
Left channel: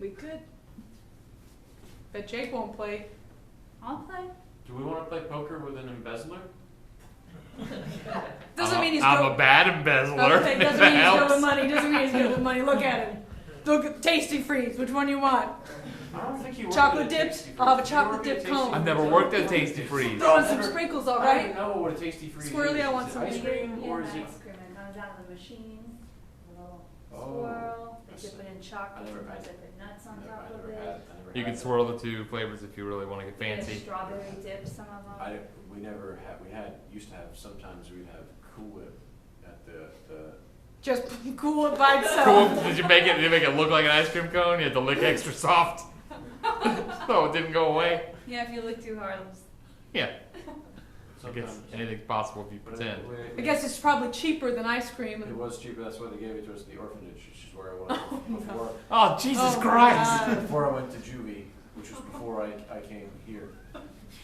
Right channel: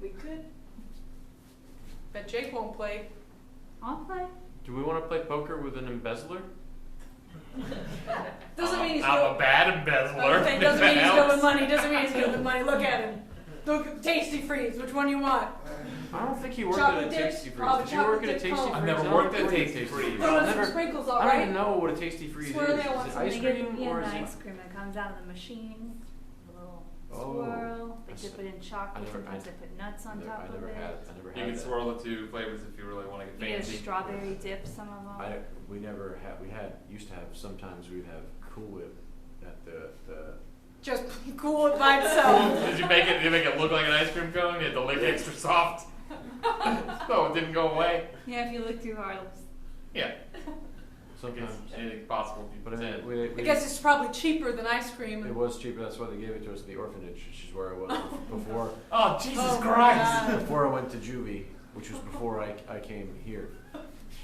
We could. Bet Jake won't play. I'll play. Do we want to play poker with an embezzler? Doesn't mean he's I'm good. a bad embezzler. Okay, if doesn't that mean he's good helps. with money. Doesn't mean he's good with money. Look at him. Look at Tasty Freeze. Which one you want? I don't think you work Chocolate at a dips? Tasty Freeze. I'll have a Did you chocolate work at a dip Tasty cone. I've Freeze? never worked at Tasty Freeze. Throw in I some never- sprinkles, I all don't right? even know what a Tasty Freeze Swirly, is. I want Is it some ice cream Yeah, or is the it? ice cream. It comes out of the machine. Little Oh, swirl. They that's- dip it in chocolate. never- Sometimes they put nuts on I top of never it. had. You can swirl the two flavors if you really want to get You get a fancy. strawberry dip, some of them. We never had. Used to have. Sometimes we'd have Cool Whip at the. Just cool it by itself. Cool. Did you make it look like an ice cream cone? You had to lick extra soft. So it didn't go away. Yeah, if you look too hard, it'll just So Sometimes. Anything's possible if you But pretend. I guess it's probably cheaper than ice cream. It was cheaper. That's why they gave it to us in the orphanage, which is where I was before. Oh, Jesus Oh, Christ! God. Before I went to juvie, which was before I came here.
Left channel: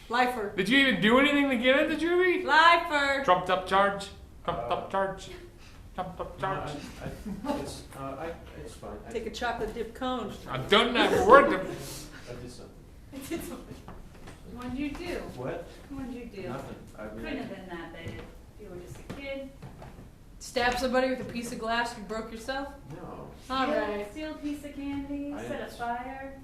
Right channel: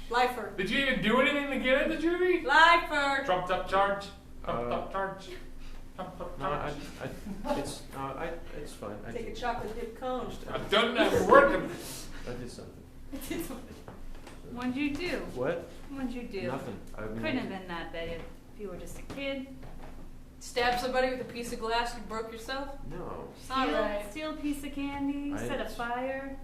Lifer. Did you even do anything to get into juvie? Lifer. Trumped up charge? Trumped up charge? Trumped up No, charge? it's fine. Take a chocolate dip cone. I've done that for work. I did something. What'd you do? What? What'd you do? Nothing. Couldn't have been that bad if you were just a kid. Stab somebody with a piece of glass you broke yourself? No. All right. Steal a piece of candy, I set a didn't. fire.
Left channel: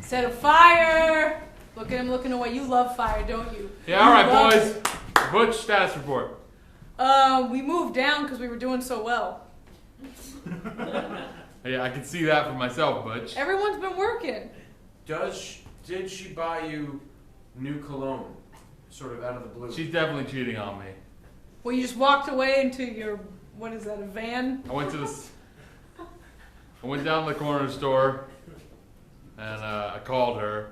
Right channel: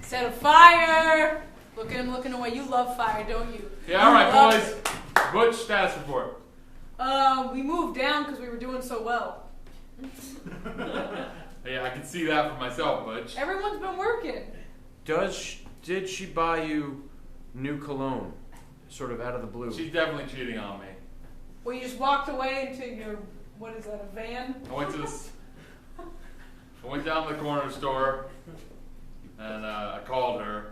Set a fire! Look at him looking away. You love fire, don't you? Yeah, alright, Love boys. Butch, status report. We moved down because we were doing so well. Yeah, I can see that for myself, Butch. Everyone's been working. Did she buy you new cologne? Sort of out of the blue. She's definitely cheating on me. Well, you just walked away into your, what is that, a van? I went down to the corner store and I called her,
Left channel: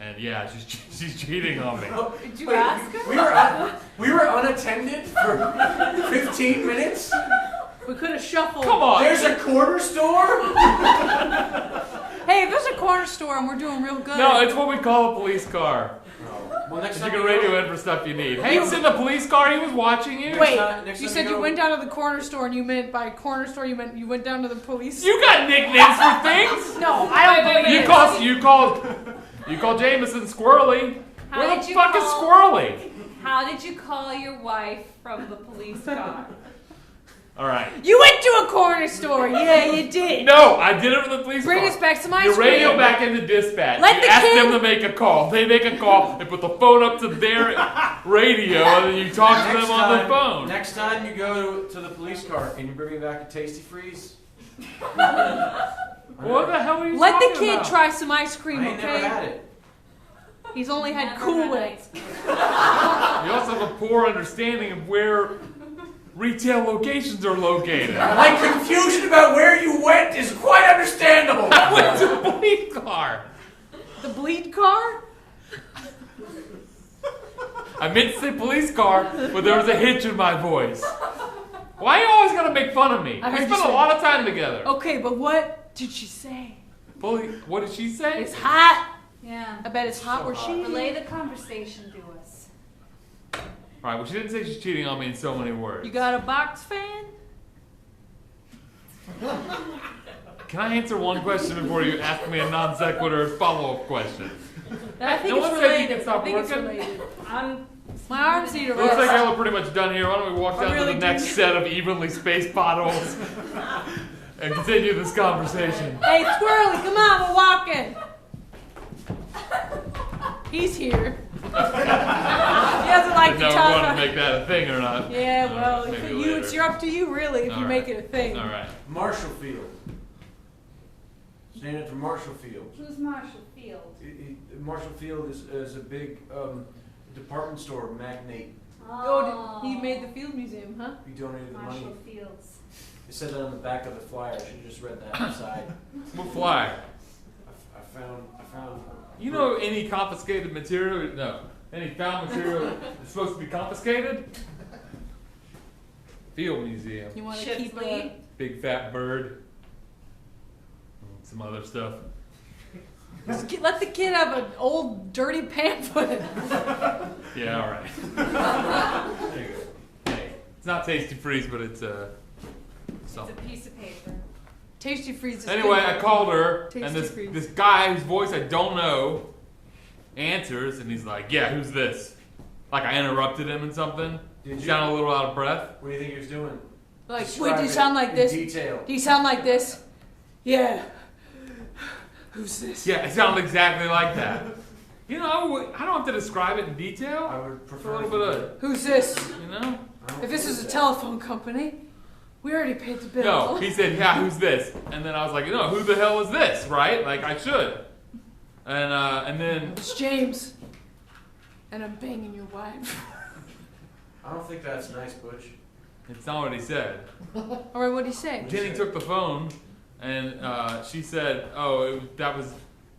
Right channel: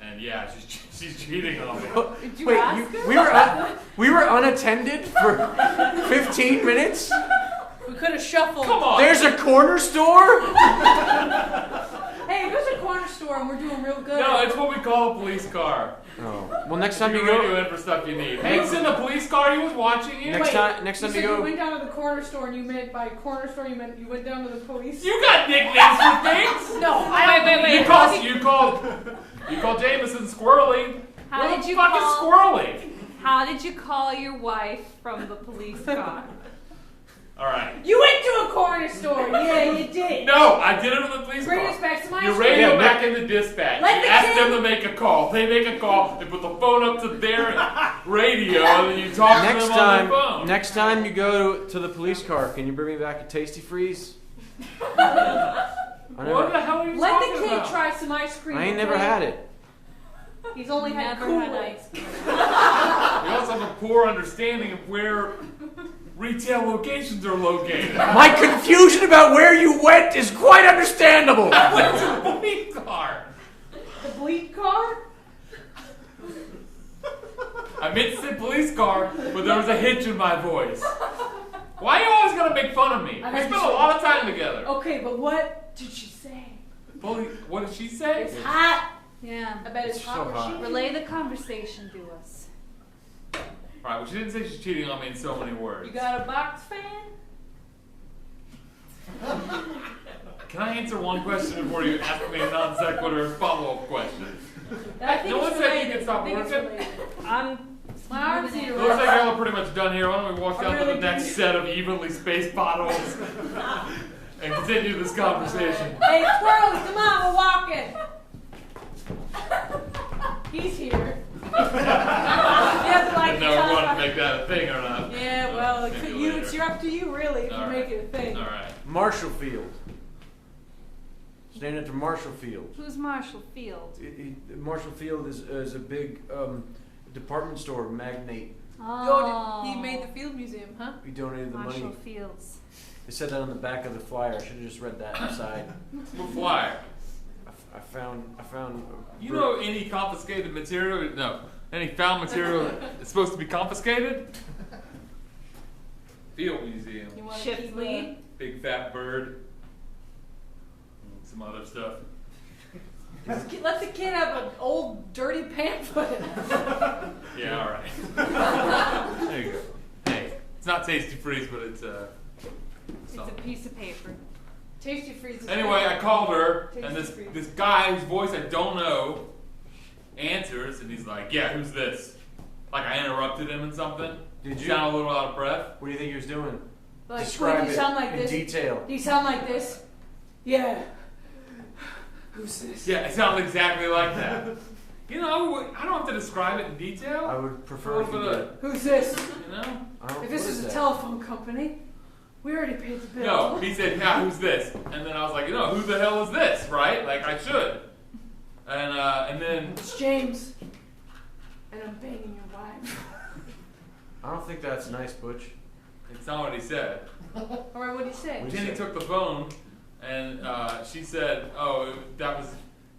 and yeah, she's cheating on me. Did you Wait, ask her? we were unattended for 15 minutes? We could have shuffled. Come on! There's a corner store? Hey, if there's a corner store and we're doing real good. No, it's what we call a police car. Oh. Well, next You time you can go radio in for stuff you need. Hank's in the police car, he was watching you. Wait, next you time said you you go- went down to the corner store and you meant by corner store you meant you went down to the police. You got nicknames for things? No, wait. You called Jameson Squirrely. How Where did the you fuck is call- Squirrely? How did you call your wife from the police car? Alright. You went to a corner store. Yeah, you did. No, I did it for the police Bring car. us back some ice You cream. radio back into dispatch. Let You the ask kid- them to make a call. They make a call. They put the phone up to their radio, and you talk to them on the phone. Next time you go to the police car, can you bring me back a Tasty Freeze? What the hell are you Let talking the kid about? try some ice cream. I ain't never okay? had it. He's only had Never Cool had Whip. ice cream. You also have a poor understanding of where retail locations are located. My confusion about where you went is quite understandable. It's a police car. The bleed car? I meant to say police car, but there was a hitch in my voice. Why are you always gonna make fun of me? I We heard spent you a say- lot of time together. Okay, but what did she say? What did she say? It's hot. Yeah. I bet it's It's hot so where hot. she Relay the conversation to us. Alright, well she didn't say she's cheating on me in so many words. You got a box fan? Can I answer one question before you ask me a non sequitur follow-up question? I think No one it's said you related. could stop I think it's working. related. I'm My arms need a Looks like rest. y'all are pretty much done here. Why don't we walk I down really to the next do. set of evenly spaced potholes and continue this conversation. Hey, Squirrely, come on, we're walking. He's here. He doesn't like to No, we talk. want to make that a thing or not. Yeah, well, Maybe for you, later. it's up to you, really, if All you right. make it a thing. Alright. Marshall Field. Standing for Marshall Field. Who's Marshall Field? Marshall Field is a big department store magnate. Oh, he made the Field Museum, huh? He donated the money. Marshall Fields. They said that on the back of the flyer. I should have just read that inside. What flyer? I found. You know any confiscated material? No. Any found material that's supposed to be confiscated? Field Museum. You want to Chip keep Lee? it? Big fat bird. Some other stuff. Let the kid have an old dirty pamphlet. Yeah, alright. There you go. Hey, it's not Tasty Freeze, but it's It's a something. piece of paper. Tasty Freeze is Anyway, I good. called her, and Tasty Freeze. this guy whose voice I don't know answers, and he's like, "Yeah, who's this?" Like I interrupted him in something. Did you? Sound a little out of breath. What do you think he was doing? Like, Describe wait, do you it sound like in this? Detail. Do you sound like this? Yeah. Who's this? Yeah, it sounded exactly like that. You know, I don't have to describe it in detail. I would For a prefer if little you bit did. of, Who's this? you know. I don't If this believe was a that. telephone company, we already paid the bill. No, he said, "Yeah, who's this?" And then I was like, "No, who the hell is this?" Right? Like I should. And then It's James. And I'm banging your wife. I don't think that's nice, Butch. it's not what he said. Alright, what'd he say? Jenny took the phone, and she said, "Oh, that was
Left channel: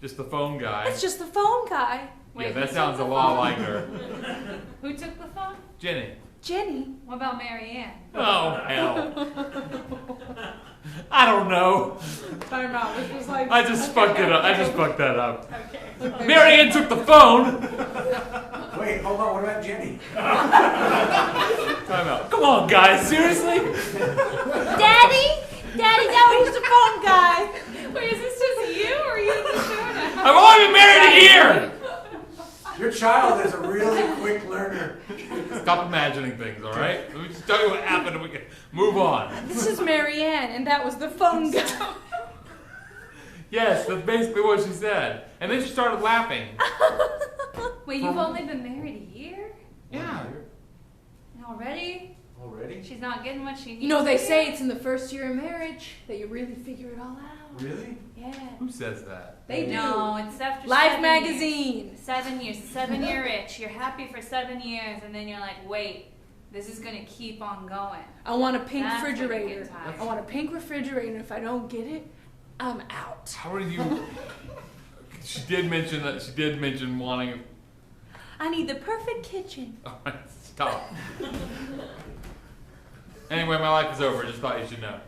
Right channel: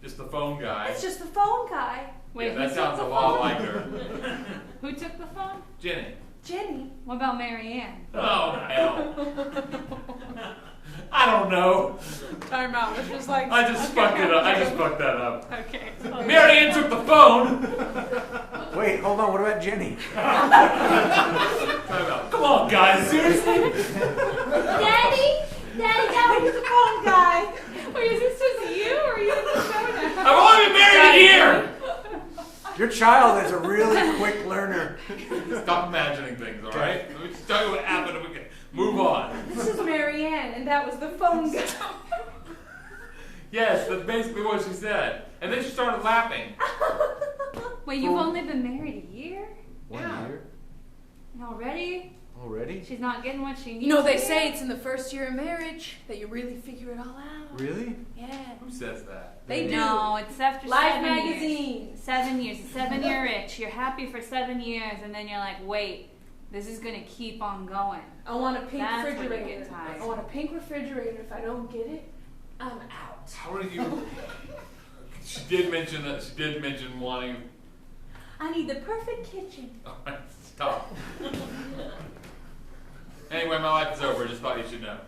just the phone guy." It's just the phone guy. Yeah, that sounds a lot like her. Who took the phone? Jenny. Jenny. What about Marianne? Oh, hell. I don't know. Time out. It's just like. I just fucked it up. I just fucked that up. Okay. Marianne took the phone. Wait, hold on. What about Jenny? Time out. Come on, guys. Seriously? Daddy? Daddy, where's the phone guy? Wait, is this just you or are you in the show now? I've only been married a year. Your child is a really quick learner. Stop imagining things, all right? Let me just tell you what happened and we can move on. This is Marianne, and that was the phone guy. Yes, that's basically what she said. And then she started laughing. Wait, you've only been married a year? Yeah. Already? Already? She's not getting what she needs. You know, they say it's in the first year of marriage that you really figure it all out. Really? Yeah. Who says that? They do. No, it's after Life 7 magazine. Years. 7 years. 7-year itch. You're happy for 7 years, and then you're like, wait, this is gonna keep on going. I want a pink That's when you refrigerator. get tired. I want a pink refrigerator. If I don't get it, I'm out. How are you? She did mention that. She did mention wanting. I need the perfect kitchen. All right, stop. Anyway, my life is over. Just thought you should know.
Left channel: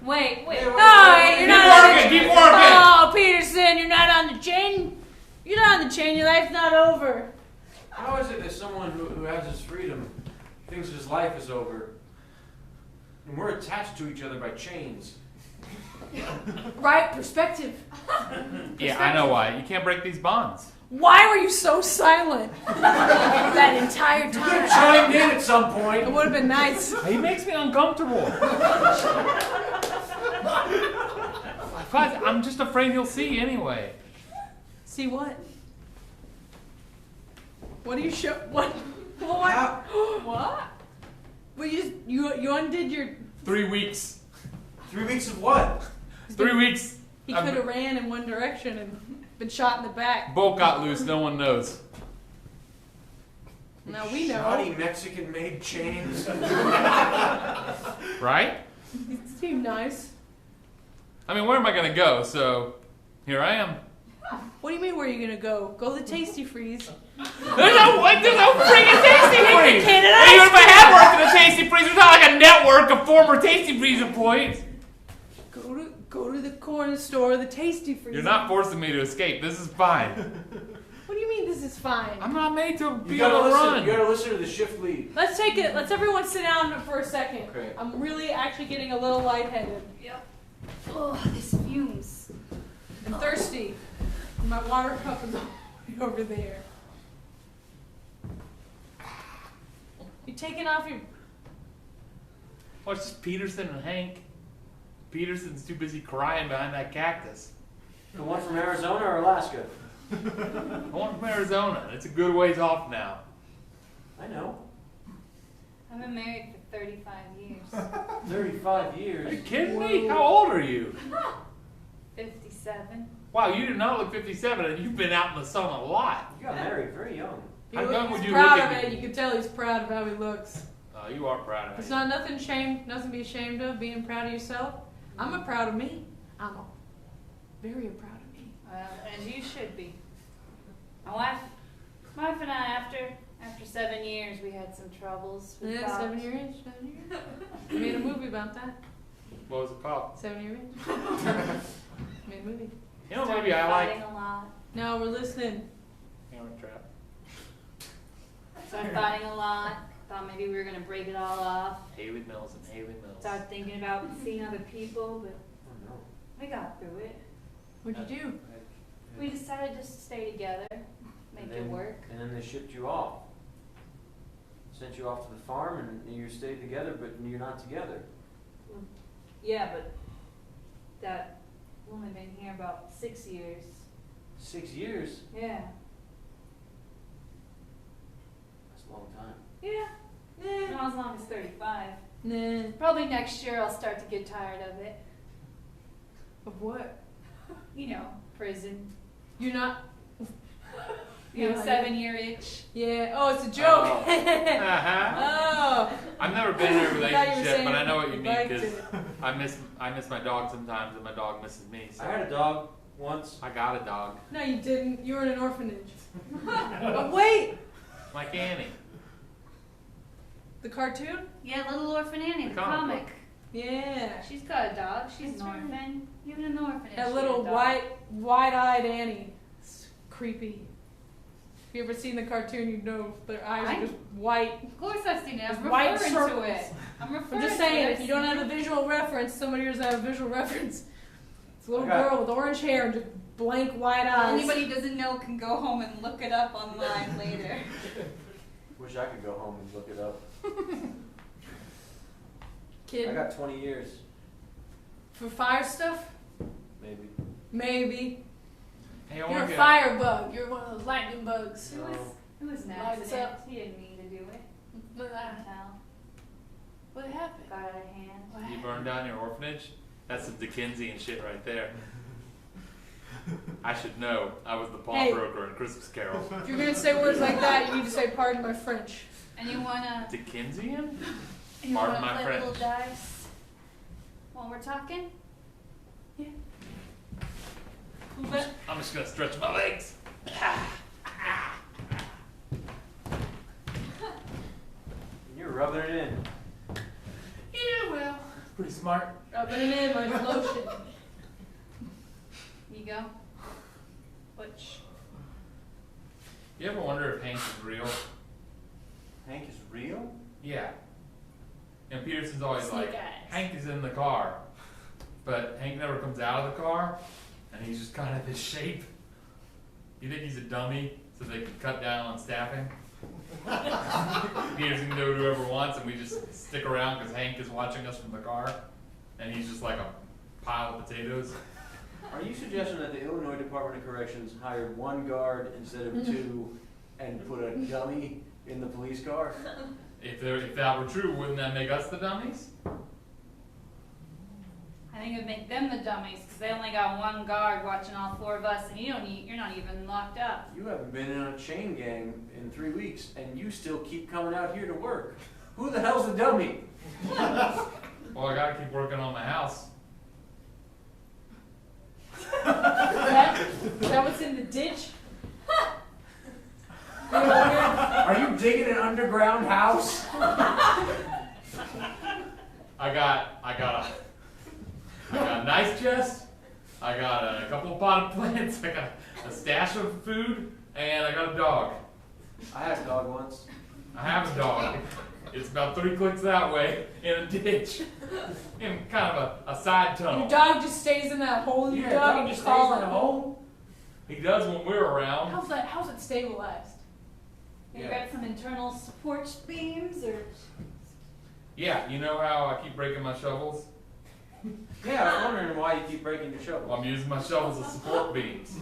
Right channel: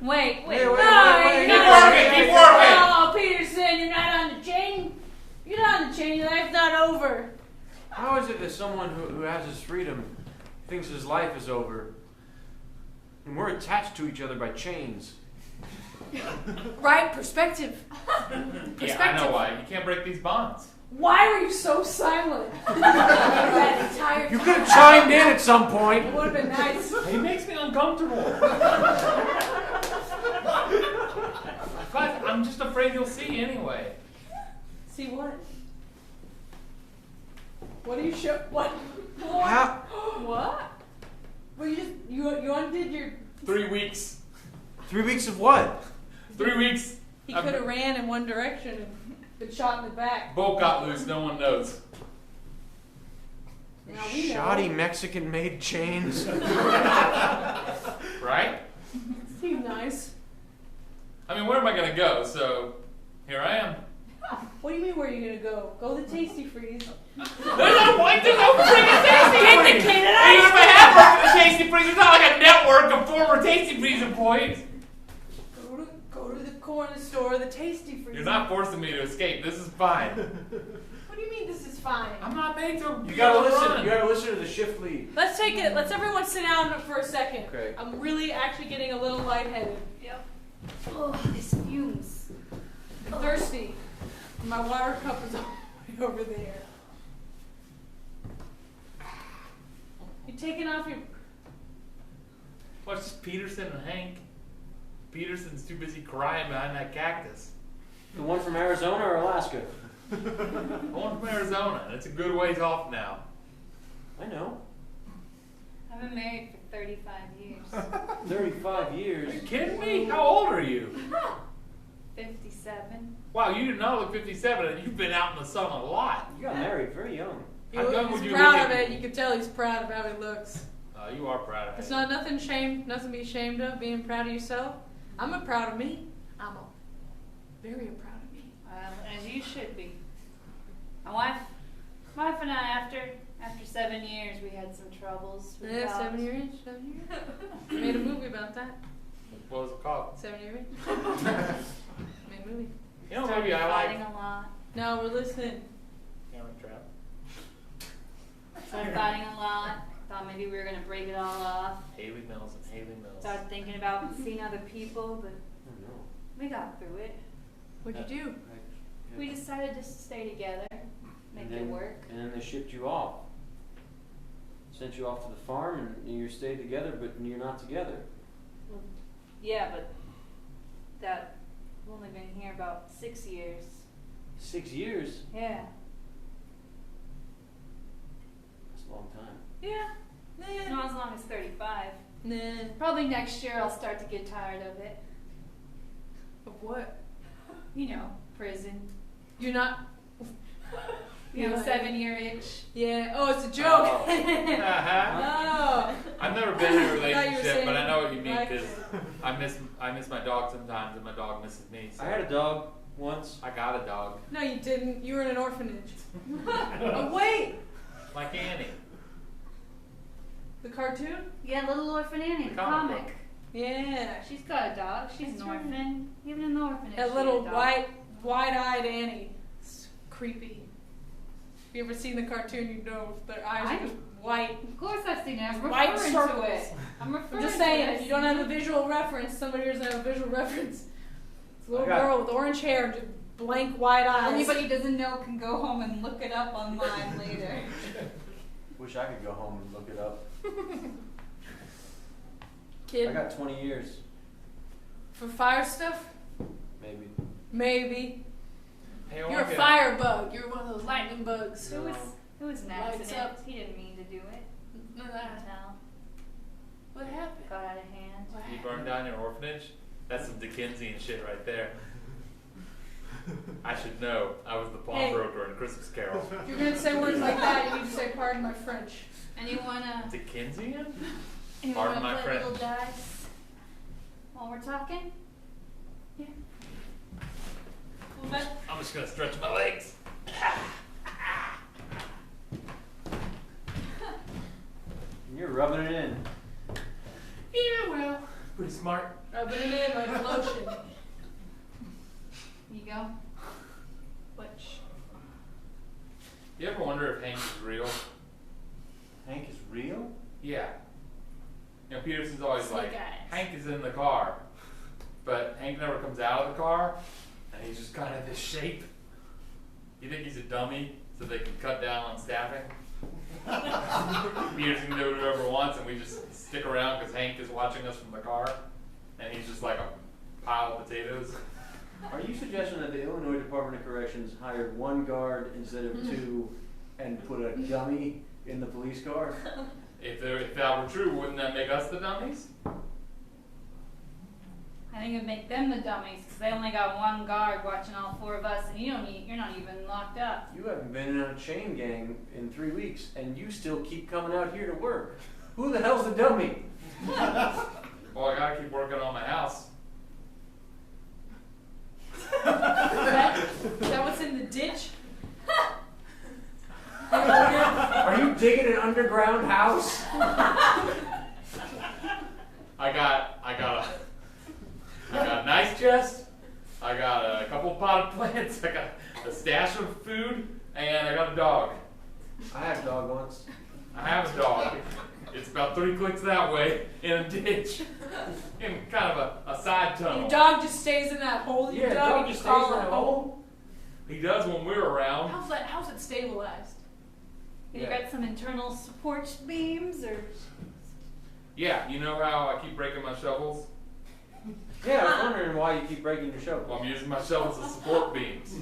Wait. Wait, No, wait, you're Keep not. working. Keep working. Oh, Peterson, you're not on the chain. You're not on the chain. Your life's not over. How is it that someone who has his freedom thinks his life is over? And we're attached to each other by chains. Right? Perspective. Yeah, I know why. You can't break these bonds. Why were you so silent that entire You could time? have chimed in at some point. It would have been nice. He makes me uncomfortable. But I'm just afraid he'll see anyway. See what? What do you show? What? How- What? Well, you undid your. 3 weeks. 3 weeks of what? 3 weeks. He could have ran in one direction and been shot in the back. Bolt got loose. No one knows. Now we know. Shoddy Mexican-made chains. Right? Seem nice. I mean, where am I going to go? So, here I am. What do you mean? Where are you gonna go? Go to the Tasty Freeze. There's no freaking Tasty Freeze! Indicated I use my head working at the Tasty Freeze. There's not like a network of former Tasty Freeze employees. Go to the corner store, the Tasty Freeze. You're not forcing me to escape. This is fine. What do you mean this is fine? I'm not made to be You gotta able to listen. run. You gotta listen to the shift lead. Let's take it. Let's everyone sit down for a second. Okay. I'm really actually getting a little lightheaded. Yep. Oh, this fumes. I'm thirsty. My water cup is over there. You taking off your? Watch Peterson and Hank. Peterson's too busy crying behind that cactus. The one from Arizona or Alaska? I want from Arizona. It's a good ways off now. I know. I've been married for 35 years. 35 years. Are you kidding me? How old are you? 57. Wow, you do not look 57, and you've been out in the sun a lot. You got married very young. How young would He's you proud look of at it. You can tell he's proud of how he looks. Oh, you are proud of It's me. not nothing to be ashamed of. Being proud of yourself. I'm a proud of me. Very proud of me. As you should be. My wife and I, after 7 years, we had some troubles. We Yeah, thought- 7 years. 7 years. I made a movie about that. What was it called? 7 years. Made a movie. You know, Started maybe I like. fighting a lot. Now we're listening. Camera trap. Started fighting a lot. Thought maybe we were gonna break it all off. Haley Mills and Haley Mills. Started thinking about seeing other people, but we got through it. What'd you do? We decided to stay together, make it work. And then they shipped you off. Sent you off to the farm and you stayed together, but you're not together. Yeah, but we've only been here about 6 years. 6 years? Yeah. That's a long time. Yeah. Not as long as 35. Nah. Probably next year I'll start to get tired of it. Of what? You know, prison. You're not. You know, 7-year itch. Yeah. Oh, it's a joke. Oh. Uh-huh. Oh. I've never been in a I thought you were relationship, saying but I know what you mean liked because it. I miss my dog sometimes, and my dog misses me. So I had a dog. once. I got a dog. No, you didn't. You were in an orphanage. Oh, wait! Like Annie. The cartoon? Yeah, Little Orphan Annie, the Comic comic. book. Yeah. She's got a dog. She's an orphan. Even in the orphanage. That she little had a dog. wide-eyed Annie. It's creepy. If you ever seen the cartoon, you know their eyes are just white. Of course I've seen it. I'm White referring circles. to it. I'm referring I'm just to saying, it. if you don't have a visual reference, somebody doesn't have a visual reference. It's a little Okay. girl with orange hair and just blank white eyes. Anybody who doesn't know can go home and look it up online later. Wish I could go home and look it up. Kid. I got 20 years, For fire stuff? maybe. Maybe. Hey, I You're wanna a get- fire bug. You're one of those lightning bugs. It was an Lights accident. up. He didn't mean to do it. What I can tell. happened? Got out of hand. What You happened? burned down your orphanage? That's some Dickensian shit right there. I should know. I was the pawnbroker in Christmas Carol. If you're gonna say words like that, you need to say pardon my French. And you wanna Dickensian? play Pardon my a French. little dice while we're talking? Cool, bud? I'm just gonna stretch my legs. You're rubbing it in. Yeah, well, pretty smart. Rubbing it in like lotion. You go. Which? You ever wonder if Hank is real? Hank is real? Yeah. You know, Peterson's always Snake like, eyes. Hank is in the car. But Hank never comes out of the car, and he's just kind of this shape. You think he's a dummy so they can cut down on staffing? Peterson can do whatever he wants, and we just stick around because Hank is watching us from the car, and he's just like a pile of potatoes. Are you suggesting that the Illinois Department of Corrections hired one guard instead of two and put a dummy in the police car? If that were true, wouldn't that make us the dummies? I think it'd make them the dummies because they only got one guard watching all four of us, and you're not even locked up. You haven't been in a chain gang in 3 weeks, and you still keep coming out here to work. Who the hell's the dummy? Well, I gotta keep working on my house. Is that what's in the ditch? Are you digging an underground house? I got a nice chest. I got a couple of potted plants. I got a stash of food, and I got a dog. I had a dog once. I have a dog. It's about 3 clicks that way in a ditch, in kind of a side tunnel. Your dog just stays in that hole. Your Yeah, dog dog just just stays all in that that hole. He does when we're around. How's it stabilized? You Yeah. got some internal support beams, or Yeah, you know how I keep breaking my shovels? Yeah, I was wondering why you keep breaking your shovel. Well, I'm using my shovels as support beams.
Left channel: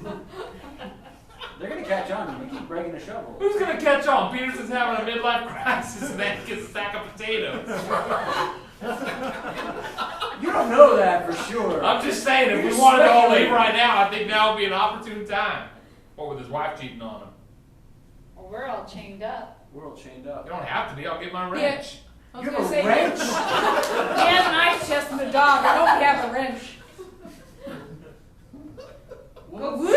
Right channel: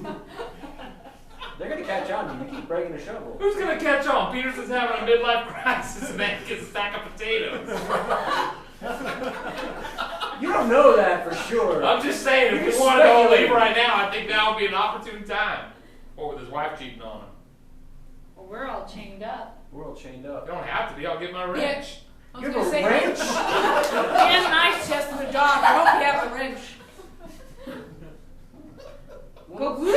They're gonna catch on if you keep breaking the shovel. Who's gonna catch on? Peterson's having a midlife crisis and Hank gets a stack of potatoes. You don't know that for sure. I'm just saying, if You're we want to go speculating. leave right now, I think now would be an opportune time. What with his wife cheating on him? well, we're all chained up. We're all chained up. You don't have to be. I'll get my wrench. I was You gonna have a say, wrench? He has an ice chest of a dog. I hope you have a wrench. Go Woo, boy!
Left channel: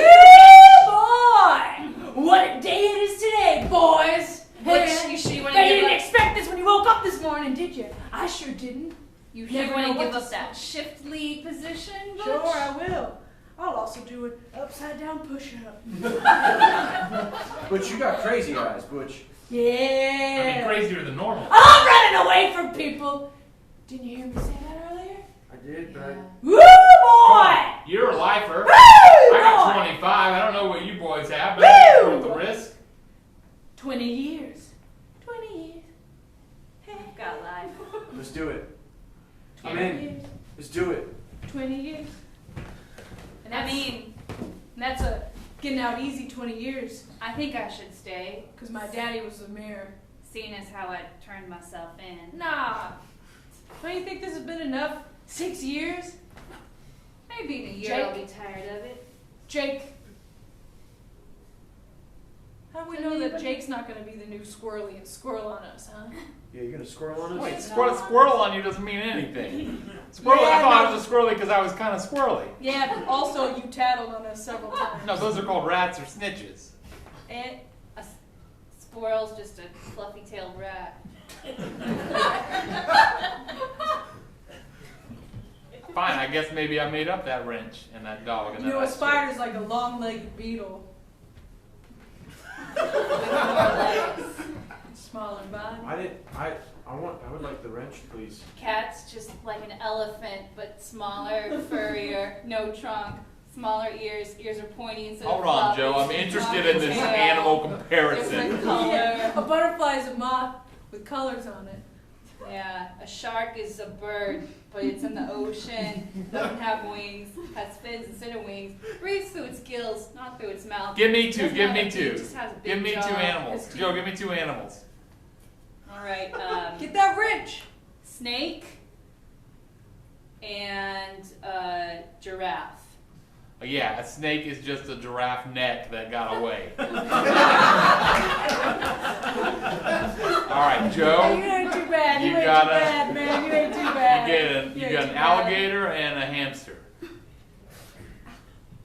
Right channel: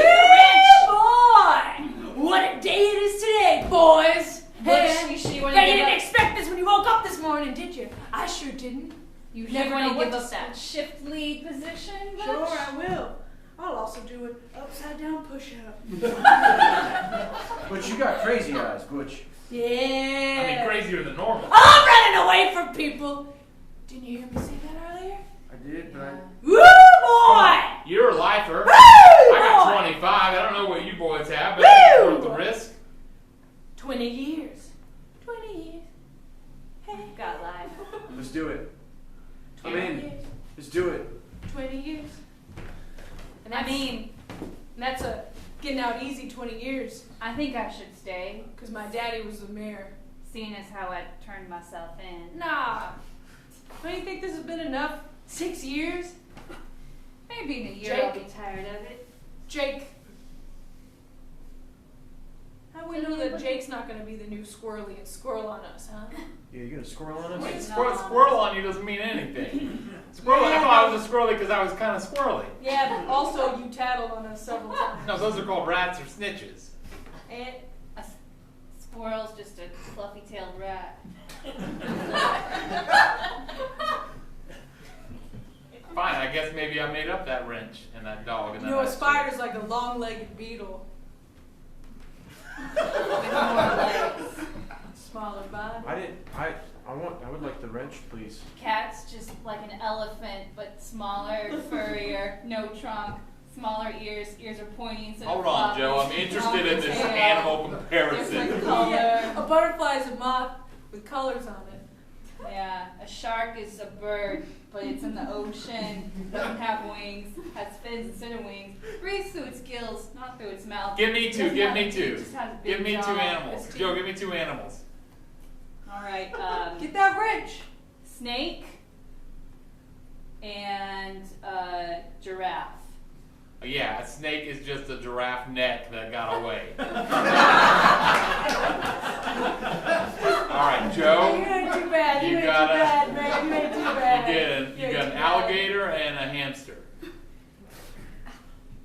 What a day it is today, boys! Butch, you sure you want to Now, you give didn't up? expect this when you woke up this morning, did you? I sure didn't. You never never know want what to give to up that shift lead position, Butch? Sure, I will. I'll also do an upside down push up. Butch, you got crazy eyes, Butch. I mean, Yeah. crazier than normal. I'm running away from people. Didn't you hear me say that earlier? I did, but Woo, boy! You're a lifer. Woo, I got boy! 25. I don't know what you boys have, but it's Woo! worth the risk. 20 years. 20 years. Hey. Got life. let's do it. I'm 20 in. years. Let's do it. 20 years. And I mean, that's a getting out easy 20 years. I think I should stay, Because my daddy was a mayor. seeing as how I turned myself in. Nah. Don't you think this has been enough? 6 years? Maybe in a year Jake? I'll be tired of it. Jake. How we know that Jake's not going to be the new squirrely and squirrel on us, huh? Yeah, you're gonna squirrel on us? Wait, squirrel on you doesn't mean anything. Squirrel, Yeah, I thought no. it was a squirrely because I was kind of squirrely. Yeah, but also you tattled on us several times. No, those are called rats or snitches. And Squirrel's just a fluffy-tailed rat. Fine, I guess maybe I made up that wrench and that dog and you that know, a ice spider's like a long-legged beetle. With more legs. Smaller body. I would like the wrench, please. Cat's just like an elephant, but smaller, furrier, no trunk, smaller ears. Ears are pointy instead Hold of on, fluffy. Joe. I'm interested in this Tail, animal comparison. Different color. A butterfly is a moth with colors on it. Yeah, a shark is a bird, but it's in the ocean, doesn't have wings, has fins instead of wings, breathes through its gills, not through its mouth. Give me two, Doesn't give have me a two. beak, just has a big Give me jaw. two animals. Joe, give me two animals. All right, Get that wrench. snake and giraffe. Yeah, a snake is just a giraffe neck that got away. All right, Joe. You ain't too bad. You You ain't got too it. bad, man. You ain't too bad. You ain't got too an bad. alligator and a hamster.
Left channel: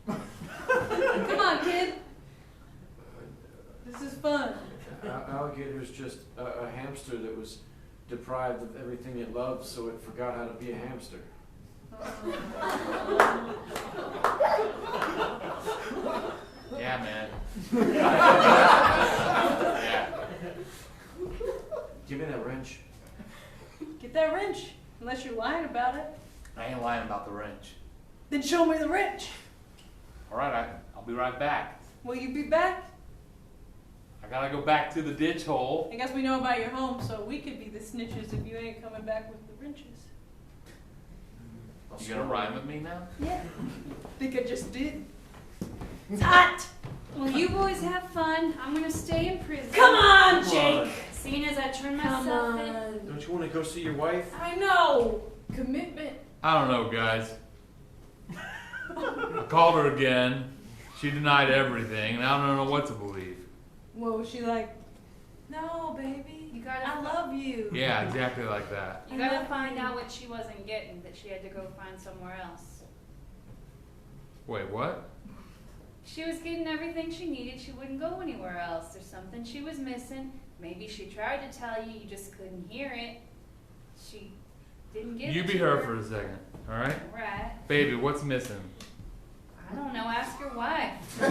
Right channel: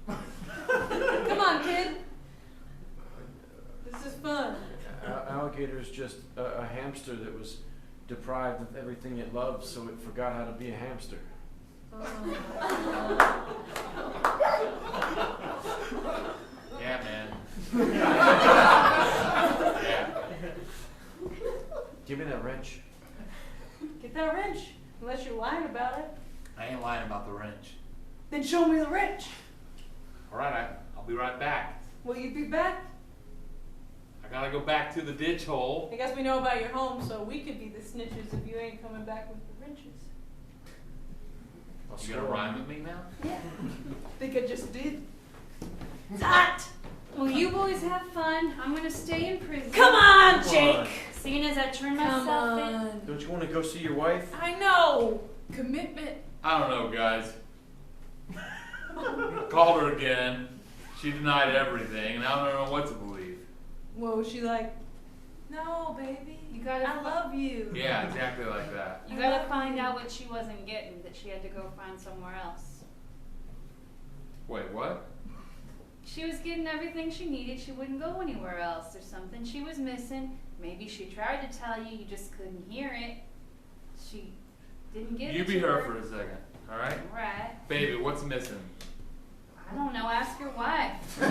Come on, kid. This is fun. Alligator is just a hamster that was deprived of everything it loves, so it forgot how to be a hamster. Yeah, man. Yeah. Give me that wrench. Get that wrench. Unless you're lying about it. I ain't lying about the wrench. Then show me the wrench. All right, I'll be right back. Will you be back? I gotta go back to the ditch hole. I guess we know about your home, so we could be the snitches if you ain't coming back with the wrenches. You gonna rhyme with me now? Yeah. Think I just did. It's hot. Well, you boys have fun. I'm gonna stay in prison. Come on, Come Jake. on. Seeing as I turn Come myself in. on. Don't you want to go see your wife? I know. Commitment. I don't know, guys. I called her again. She denied everything, and I don't know what to believe. Whoa, she like, no, baby. You gotta- I love you. Yeah, exactly like that. You gotta find out what she wasn't getting, that she had to go find somewhere else. Wait, what? She was getting everything she needed. She wouldn't go anywhere else. There's something she was missing. Maybe she tried to tell you, you just couldn't hear it. She didn't get You it be to her for a second, all right? Right. Baby, what's missing? I don't know. Ask your wife. No.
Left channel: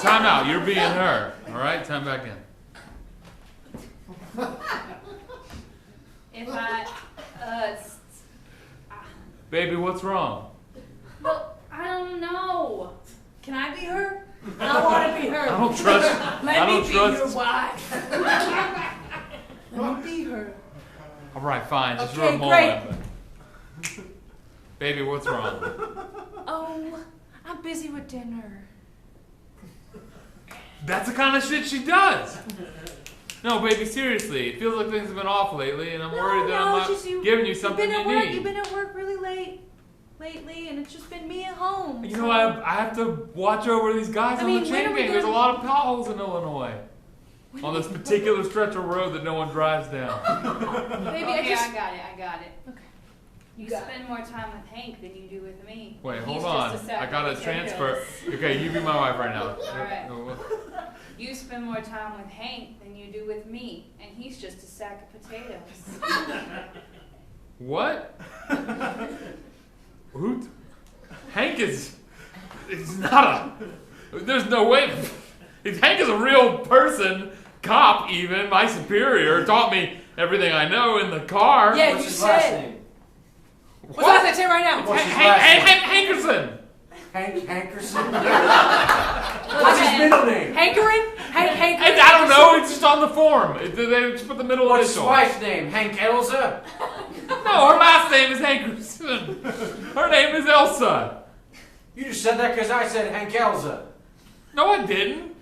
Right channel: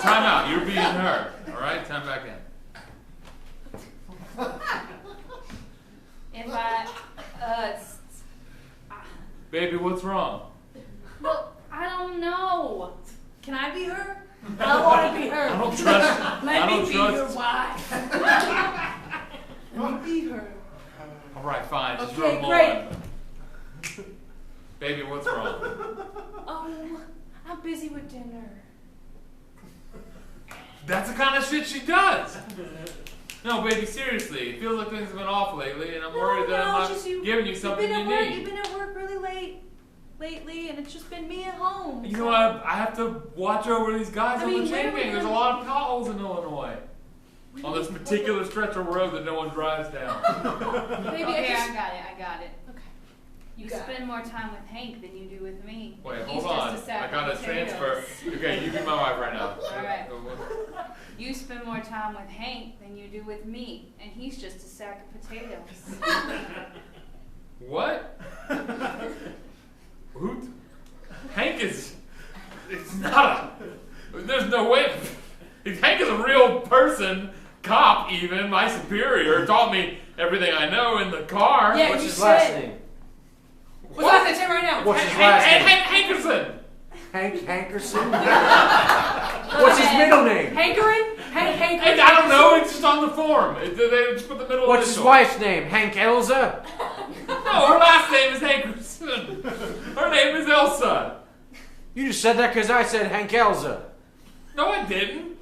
Time out. You're being her, all right? Time back in. If I, Baby, what's wrong? well, I don't know. Can I be her? I want to be her. I don't trust. Let I me don't be trust. your wife. Let me be her. All right, fine. Just for Okay, a moment. Baby, what's wrong? Oh, I'm busy with dinner. That's the kind of shit she does. No, baby, seriously. It feels like things have been off lately, and I'm worried that I'm not giving you something you need. You've been at work really late lately, and it's just been me at home. You know, I have to watch over these guys I on mean, the when chain are we gang. There's a gonna- lot of potholes in Illinois. On this particular stretch of road that no one drives down. Maybe Okay, I just. I got it. Okay. You got spend more time with Hank than you do with me. Wait, He's hold on. just a sack I gotta of potatoes. transfer. Okay, you be my wife right now. Alright. You spend more time with Hank than you do with me, and he's just a sack of potatoes. What? Who? Hank is. It's not a. There's no way. If Hank is a real person, cop even, my superior, taught me everything I know in the car. Yeah, What's you his said. last name? What's last name? Say it right now. What's his last name? Hankerson. Hank Hankerson? What's his middle name? Hankering? Hank. I don't know. It's just on the form. They just put the middle What's his initial. wife's name? Hank Elza? No, her last name is Hankerson. Her name is Elsa. You just said that because I said Hank Elza. No, I didn't.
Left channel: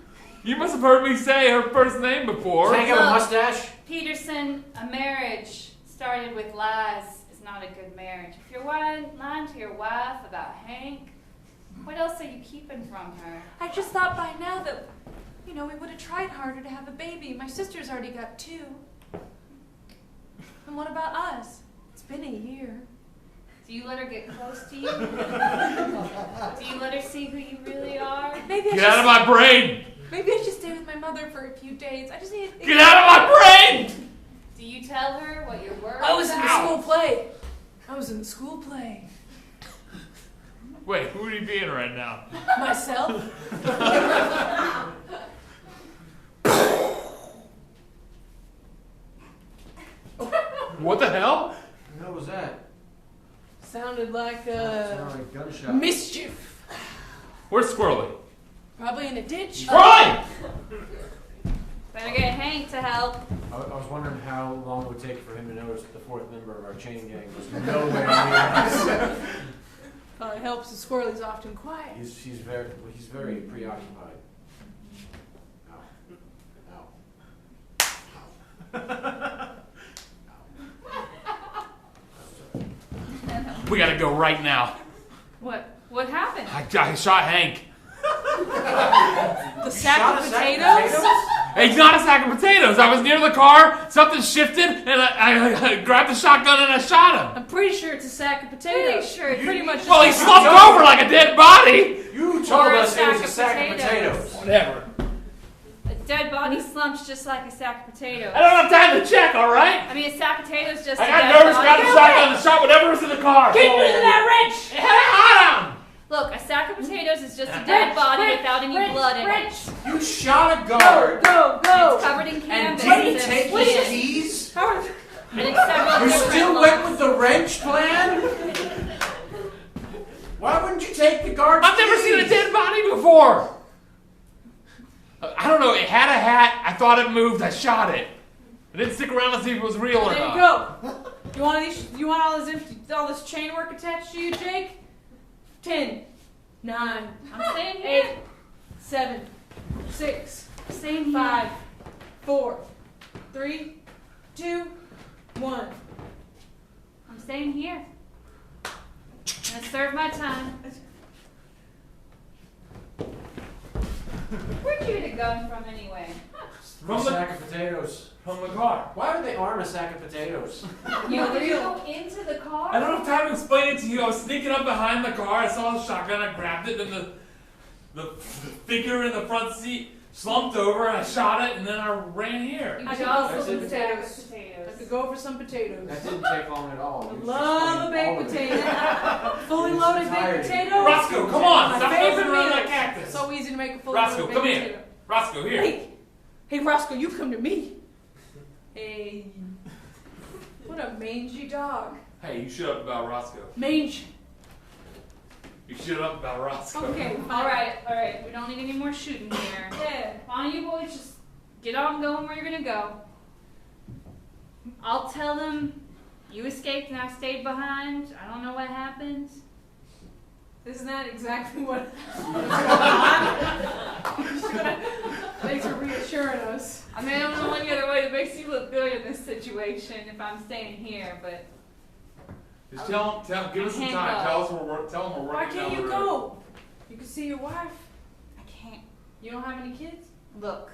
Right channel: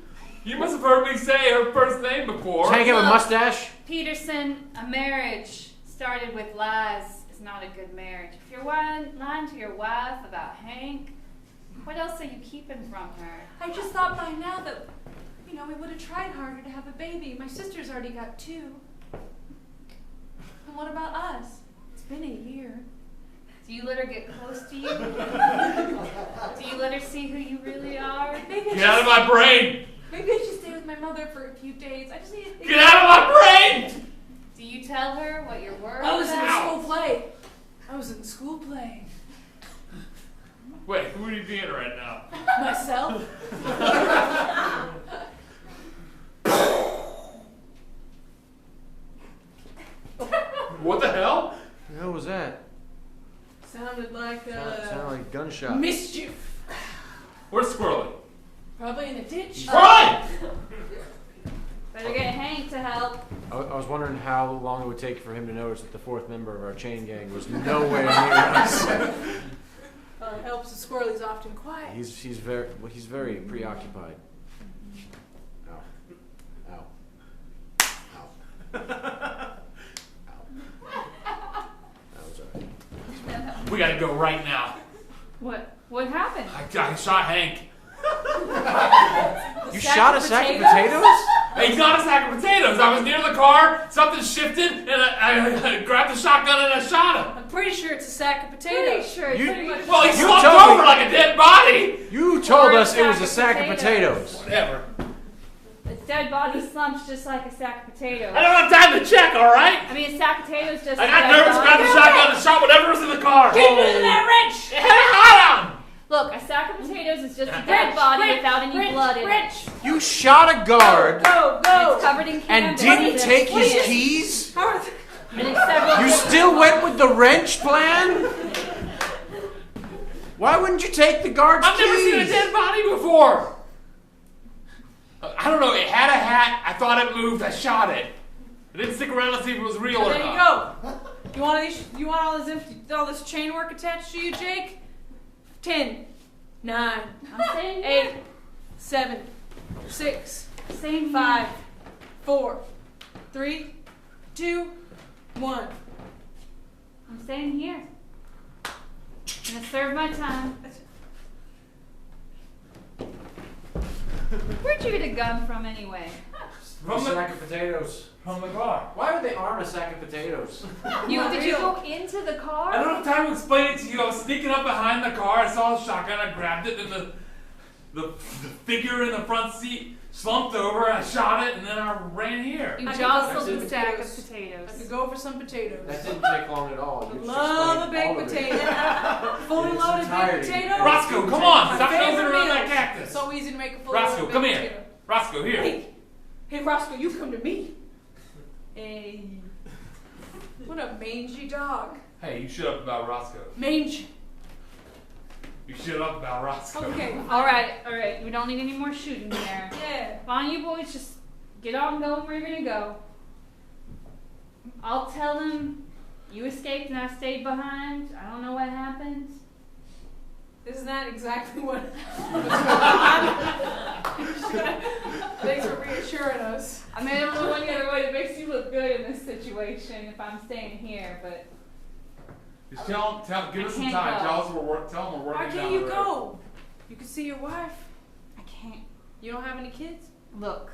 You must have heard me say her first name before. Does Hank have a mustache? Peterson, a marriage started with lies is not a good marriage. If you're lying to your wife about Hank, what else are you keeping from her? I just thought by now that you know, we would have tried harder to have a baby. My sister's already got 2. And what about us? It's been a year. Do you let her get close to you? Do you let her see who you really are? Maybe Get out of my brain! Maybe I should stay with my mother for a few days. I just need to think. Get out of my brain! Do you tell her what your words I was in the are? school play. I was in the school play. Wait, who are you being right now? Myself? What the hell? What the hell was that? Sounded like Sounded like a gunshot. mischief. Where's Squirrely? Probably in a ditch. Squirrely! Better get Hank to help. I was wondering how long it would take for him to notice that the 4th member of our chain gang was nowhere near us. It helps. The squirrel is often quiet. He's very preoccupied. Ow. Ow. Ow. That was alright. We gotta go right now. What happened? I shot Hank. You shot a sack of potatoes? It's not a sack of potatoes. I was near the car, something shifted, and I grabbed the shotgun and I shot him. I'm pretty sure it's a sack of potatoes. Pretty sure it's Pretty much. Well, he just- slumped over like a dead body. You told Or a us it was a sack sack of of potatoes. Whatever. A dead body slumps just like a sack of potatoes. I don't have time to check, all right? I mean, a sack of potatoes just I a got dead nervous, body. grabbed the shotgun and shot whatever was in the car. Keep using that wrench. Hang on! Look, a sack of potatoes is just a dead body without any blood in it. You shot a guard Go. It's covered in and canvas. didn't take his Wait. keys? And it's several You still went with the wrench plan? Why wouldn't you take the guard's I've never keys? seen a dead body before. I don't know, it had a hat, I thought it moved, I shot it. I didn't stick around to see if it was real or There you not. go. You want all this chain work attached to you, Jake? 10, 9, I'm saying 8, 7, 6, Same 5, 4, 3, 2, 1. I'm staying here. I'm gonna serve my time. Where'd you get a gun from anyway? From a sack of potatoes. From the car. Why would they arm a sack of potatoes? Did you go into the car? I don't have time to explain it to you. I was sneaking up behind the car, I saw a shotgun, I grabbed it, and the figure in the front seat slumped over, I shot it, and then I ran here. You I jostled got some the sack of potatoes. potatoes. I could go for some potatoes. That didn't take long at all. You just Love a explained baked all of it. potato. Fully It's loaded baked entirety. potato. Roscoe, come on! My Stop nosing favorite around meal. that cactus. So easy to make a fully Roscoe, loaded come baked here. potato. Roscoe, here. Hey, Roscoe, you come to me. Hey. What a mangy dog. Hey, you shut up about Roscoe. Mange. You shut up about Roscoe. Okay. All right. We don't need any more shooting here. Yeah. Why don't you boys just get on going where you're gonna go? I'll tell them you escaped and I stayed behind. I don't know what happened. Isn't that exactly what? Thanks for reassuring us. I mean, I don't know any other way that makes you look good in this situation if I'm staying here, but Just give us some I time. can't Tell them we're Why working can't down you the road. go? You could see your wife. I can't. You don't have any kids? Look,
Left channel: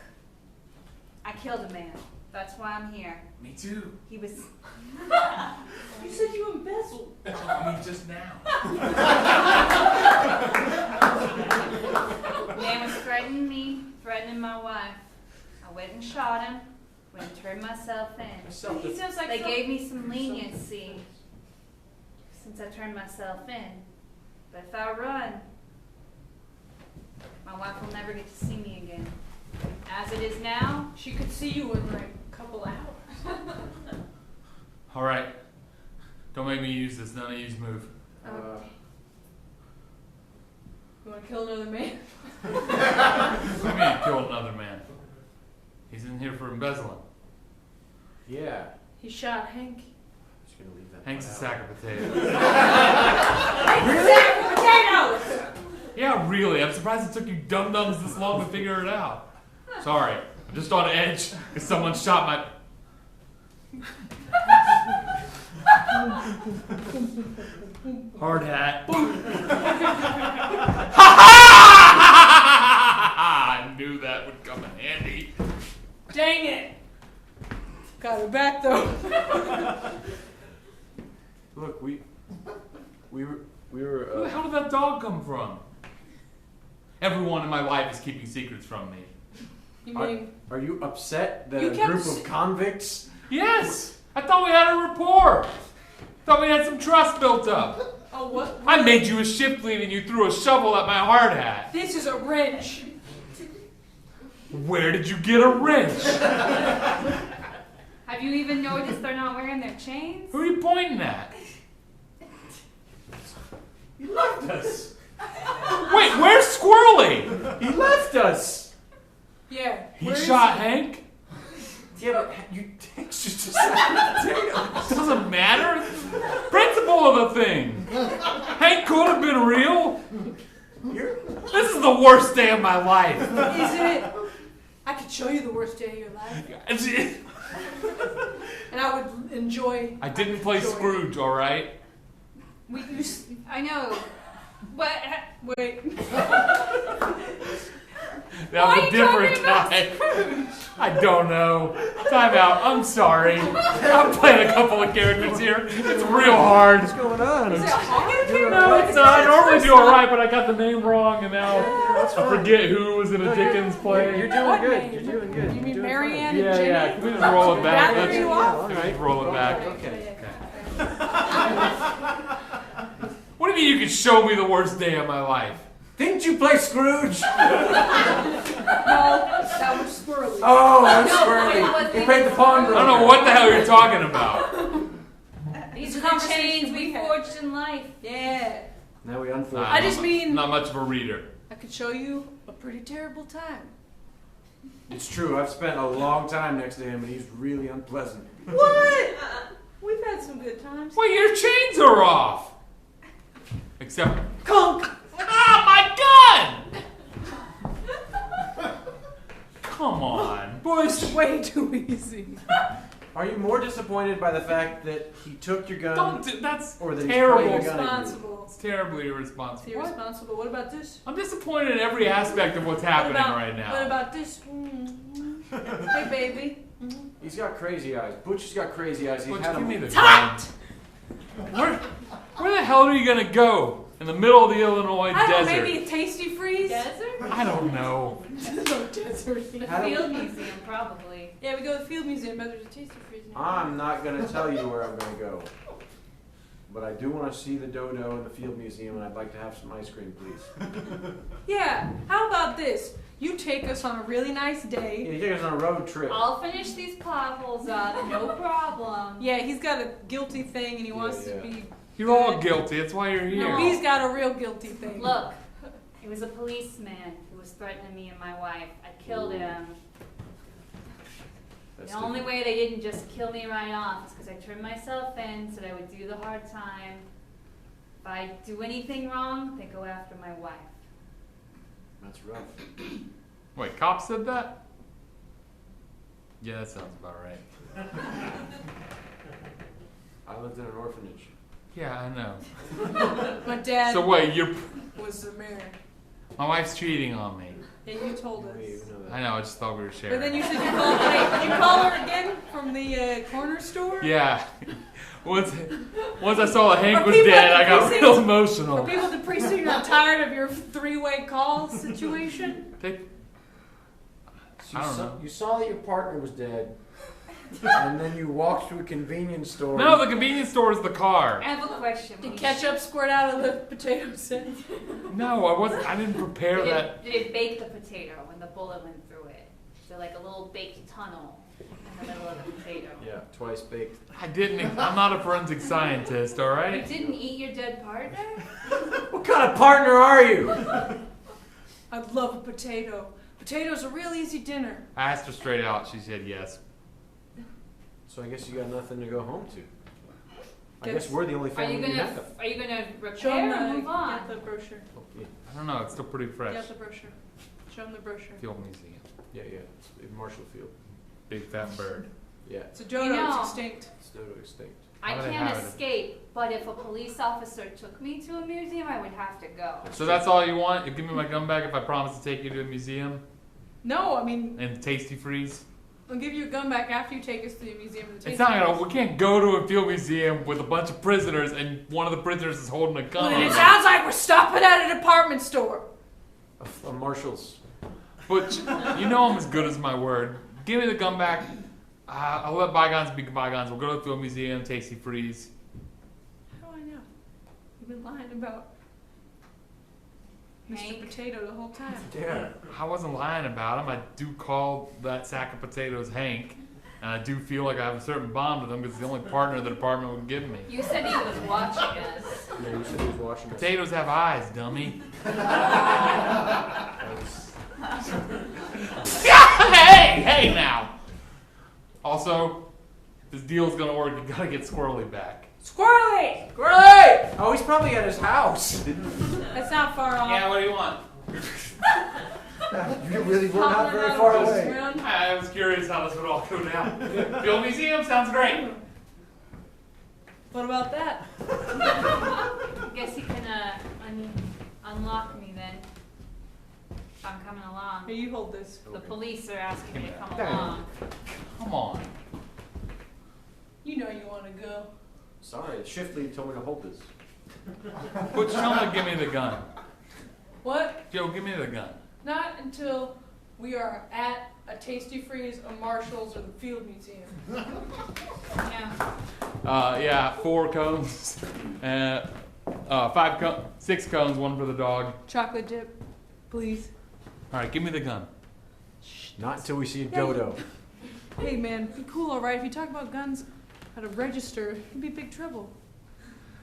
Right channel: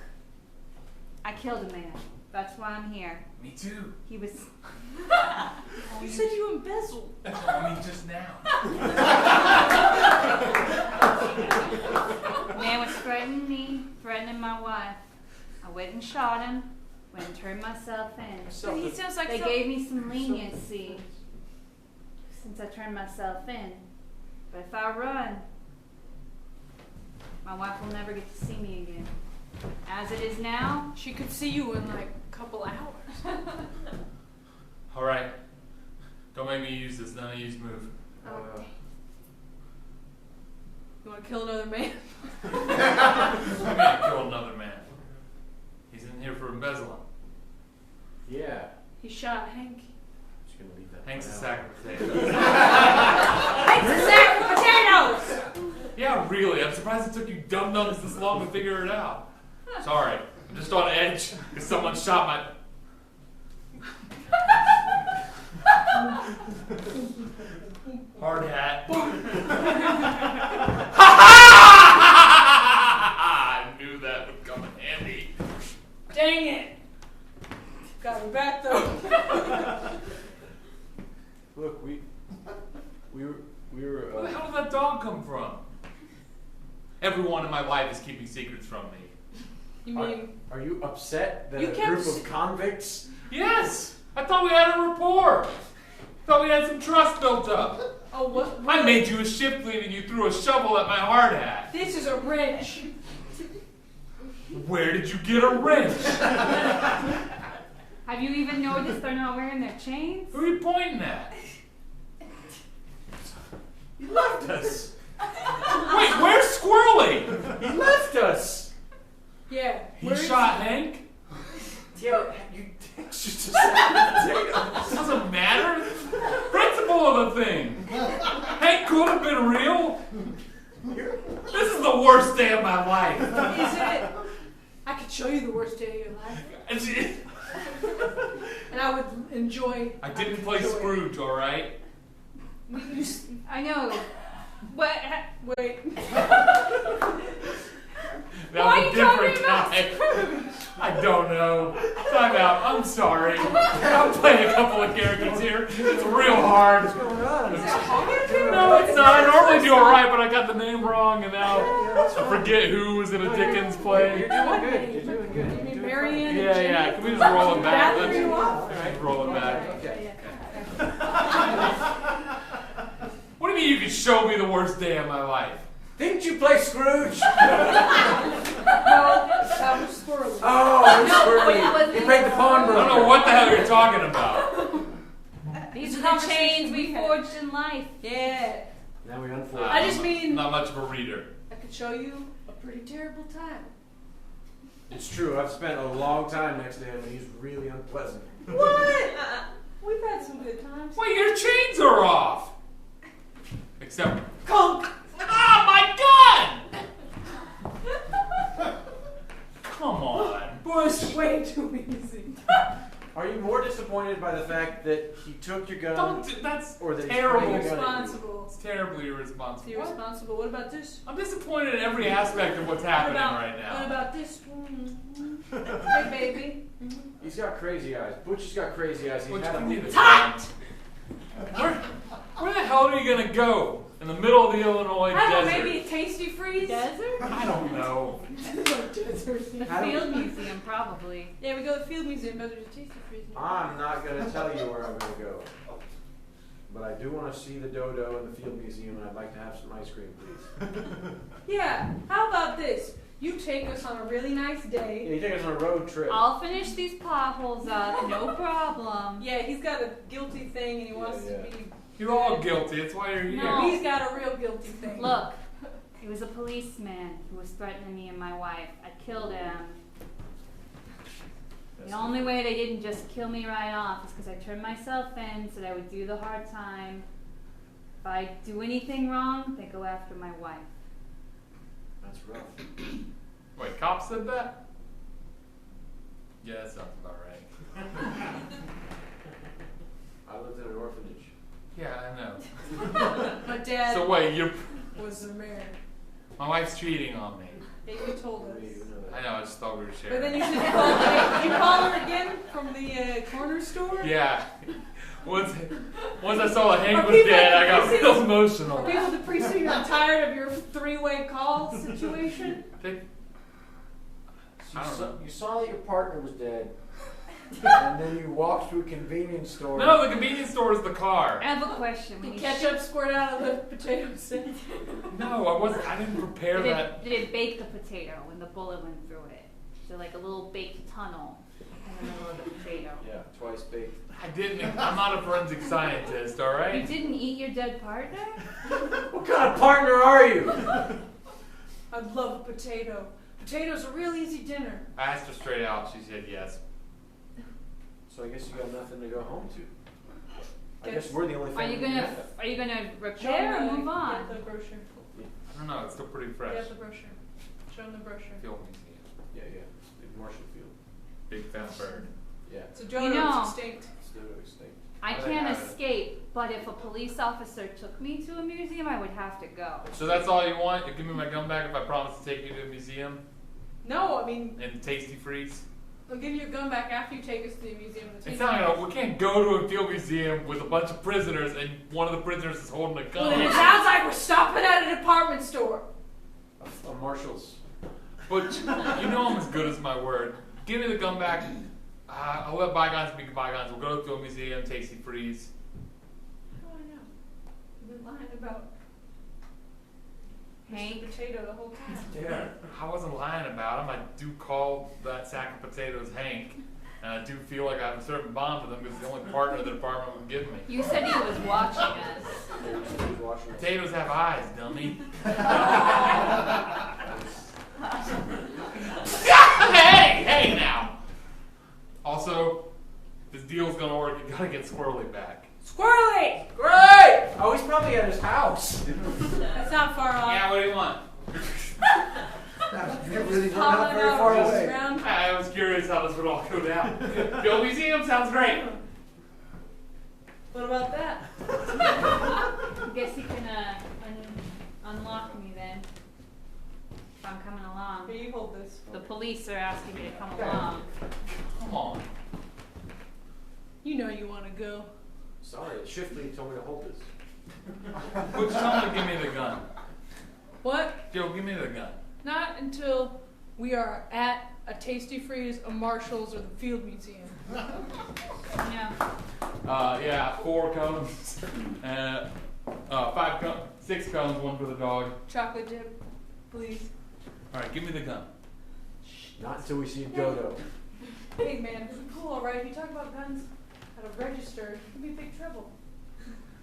I killed a man. That's why I'm here. Me too. He was. You said you embezzled. I mean, just now. Man was threatening me, threatening my wife. I went and shot him. Went and turned myself in. So he sounds like They some- gave me some leniency since I turned myself in. But if I run, my wife will never get to see me again. As it is now, She could see you in like a couple hours. All right. Don't make me use this. None of you's move. You want to kill another man? I'm gonna kill another man. He's in here for embezzling. Yeah. He shot Hank. Just gonna leave that Hank's a part out. sack of potatoes. Hank's a sack of potatoes! Yeah, really. I'm surprised it took you dum-dums this long to figure it out. Sorry. I'm just on edge because someone shot my... Hard hat. Ha ha! knew that would come in handy. Dang it! Got her back though. Look, we were. Where the hell did that dog come from? Everyone in my life is keeping secrets from me. You mean Are you upset that You a kept group of convicts? Yes! I thought we had a rapport. Thought we had some trust built up. oh what? I made you a shift lead and you threw a shovel at my hard hat. This is a wrench. Where did you get a wrench? Have you even noticed they're not wearing their chains? Who are you pointing at? He left us. Wait, where's Squirrely? He left us. Yeah. He where is shot he? Hank? Yeah, but you just potatoes. Doesn't matter. Principle of the thing. Hank could have been real. This is the worst day of my life. Is it? I could show you the worst day of your life, and I would enjoy. I didn't play Scrooge, all right? I know. What? Wait. That was a different time. I don't know. Time out. I'm sorry. I'm playing a couple of characters here. It's real hard. What's going on? Is it hard? No, it's not. I normally do all right, but I got the name wrong, and now I forget who was in a Dickens play. You're doing good. You're doing good. You You're mean doing Marianne fine. and Jimmy? Yeah. Can we just roll it back? That threw you off? All right. Let's roll it back. Okay. What do you mean you could show me the worst day of my life? Didn't you play Scrooge? No, that was squirrely. Oh, I'm No, squirrely. wait, You played the pawn I broker. don't know what the hell you're talking about. These The are the conversation chains we we had. forged in life. Yeah. Now we unfold. I just mean- Not much of a reader. I could show you a pretty terrible time. It's true. I've spent a long time next to him, and he's really unpleasant. What? We've had some good times. Wait, your chains are off. Except, Conk. my gun! Come on, Bush. Way too easy. Are you more disappointed by the fact that he took your gun? Don't do, that's Or that he's terrible. pointing a gun at you? Irresponsible. It's terribly irresponsible. It's irresponsible. What about this? I'm disappointed in every aspect of what's happening what about, right now. What about this? Hey, baby. He's got crazy eyes. Butch has got crazy eyes. He's Butch, had give a- me the gun. Where the hell are you gonna go? In the middle of the Illinois I don't know, desert? maybe a tasty freeze? I don't know. No desert. How do- Field museum, probably. Yeah, we go to the field museum, but there's a tasty freeze near. I'm not going to tell you where I'm going to go. But I do want to see the dodo in the field museum, and I'd like to have some ice cream, please. Yeah, how about this? You take us on a really nice Yeah, day. you take us on a road trip. I'll finish these potholes up, no problem. Yeah, he's got a guilty thing and he wants Yeah. to be. You're all guilty. That's why you're here. No, he's got a real guilty thing. Look, it was a policeman who was threatening me and my wife. I killed him. That's The only way they didn't just kill me right off is because I turned myself in so that I would do the hard time. If I do anything wrong, they go after my wife. That's rough. Wait, cops said that? Yeah, that sounds about right. I lived in an orphanage. Yeah, I know. My dad So wait, you're was the mayor. my wife's cheating on me. And you told us. Wait, you know that. I know. I just thought we were But sharing. then you said you called, wait, you call her again from the corner store? Yeah. Once I saw that Hank Are was people dead, at I the got precinct- real For emotional. people at the precinct are tired of your three-way call situation? They- So I don't know. You saw that your partner was dead, and then you walked through a convenience store. No, the convenience store is the car. I have a question. Did ketchup squirt out of the potato set? No, I wasn't. I didn't prepare that. Did it bake the potato when the bullet went through it? So like a little baked tunnel in the middle of the potato. Yeah, twice baked. I didn't. I'm not a forensic scientist. All You right. didn't eat your dead partner? What kind of partner are you? I love a potato. Potatoes are a real easy dinner. I asked her straight out. She said yes. So I guess you got nothing to go home to. I Guess- guess we're the only Are family you who gonna have. are you gonna Show repair them or move on? Get the brochure. I don't know. It's still pretty fresh. Get the brochure. Show them the brochure. The old museum. Yeah, yeah. In Marshall Field. Big fat bird. Yeah. It's a Jodo, You know- it's extinct. It's dodo extinct. I How do they can't have it? escape, but if a police officer took me to a museum, I would have to go. So that's all you want? You give me my gun back if I promise to take you to a museum? No, I mean, And Tasty Freeze? I'll give you a gun back after you take us to the museum of the It's Tasty not gonna. Freeze. We can't go to a field museum with a bunch of prisoners, and one of the prisoners is holding a gun. Well, on it him. sounds like we're stopping at a department store. A Marshall's. But you know I'm as good as my word. Give me the gun back. I'll let bygones be bygones. We'll go to the field museum. Tasty Freeze. How do I know? You've been lying about Hank. Mr. Potato the whole time. Yeah. I wasn't lying about him. I do call that sack of potatoes Hank, and I do feel like I have a certain bond with him because it's the only partner the department would give me. You said he was watching us. Yeah, you said he was watching us. Potatoes have eyes, dummy. Hey now. Also, this deal's gonna work. You gotta get Squirrely back. Squirrely! Great! Oh, he's probably at his house. That's not far off. Yeah, what do you want? You really were Oh, not very no, far no, away. around. I was curious how this would all go down. Field museum sounds great. What about that? Guess you can unlock me then. If I'm coming along. Here, you hold this. The police are asking me to come Okay. along. Come on. You know you want to go. Sorry, Shiftley told me to hold this. Butch, tell him to give me the gun. What? Joe, give me the gun. Not until we are at a Tasty Freeze, a Marshall's, or the Field Museum. Yeah. Yeah, 4 cones. 6 cones, 1 for the dog. Chocolate dip, please. All right, give me the gun. Not until we see a dodo. Hey man, be cool, alright? If you talk about guns at a register, you'd be big trouble.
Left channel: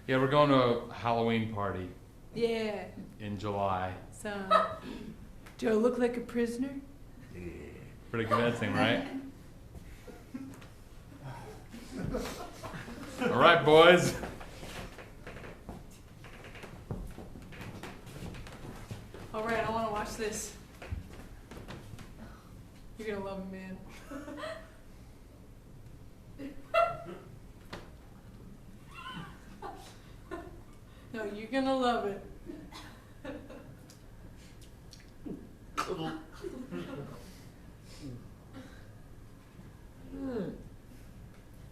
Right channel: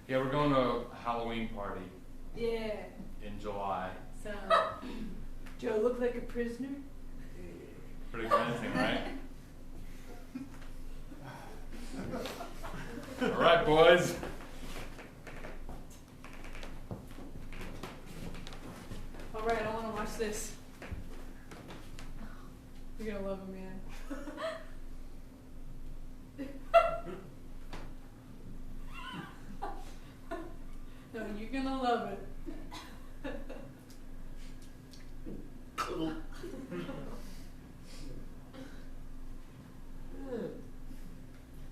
Yeah, we're going to a Halloween party Yeah. in July. So, do I look like a prisoner? Pretty convincing, right? All right, boys. Alright, I want to watch this. You're gonna love it, man. No, you're gonna love it.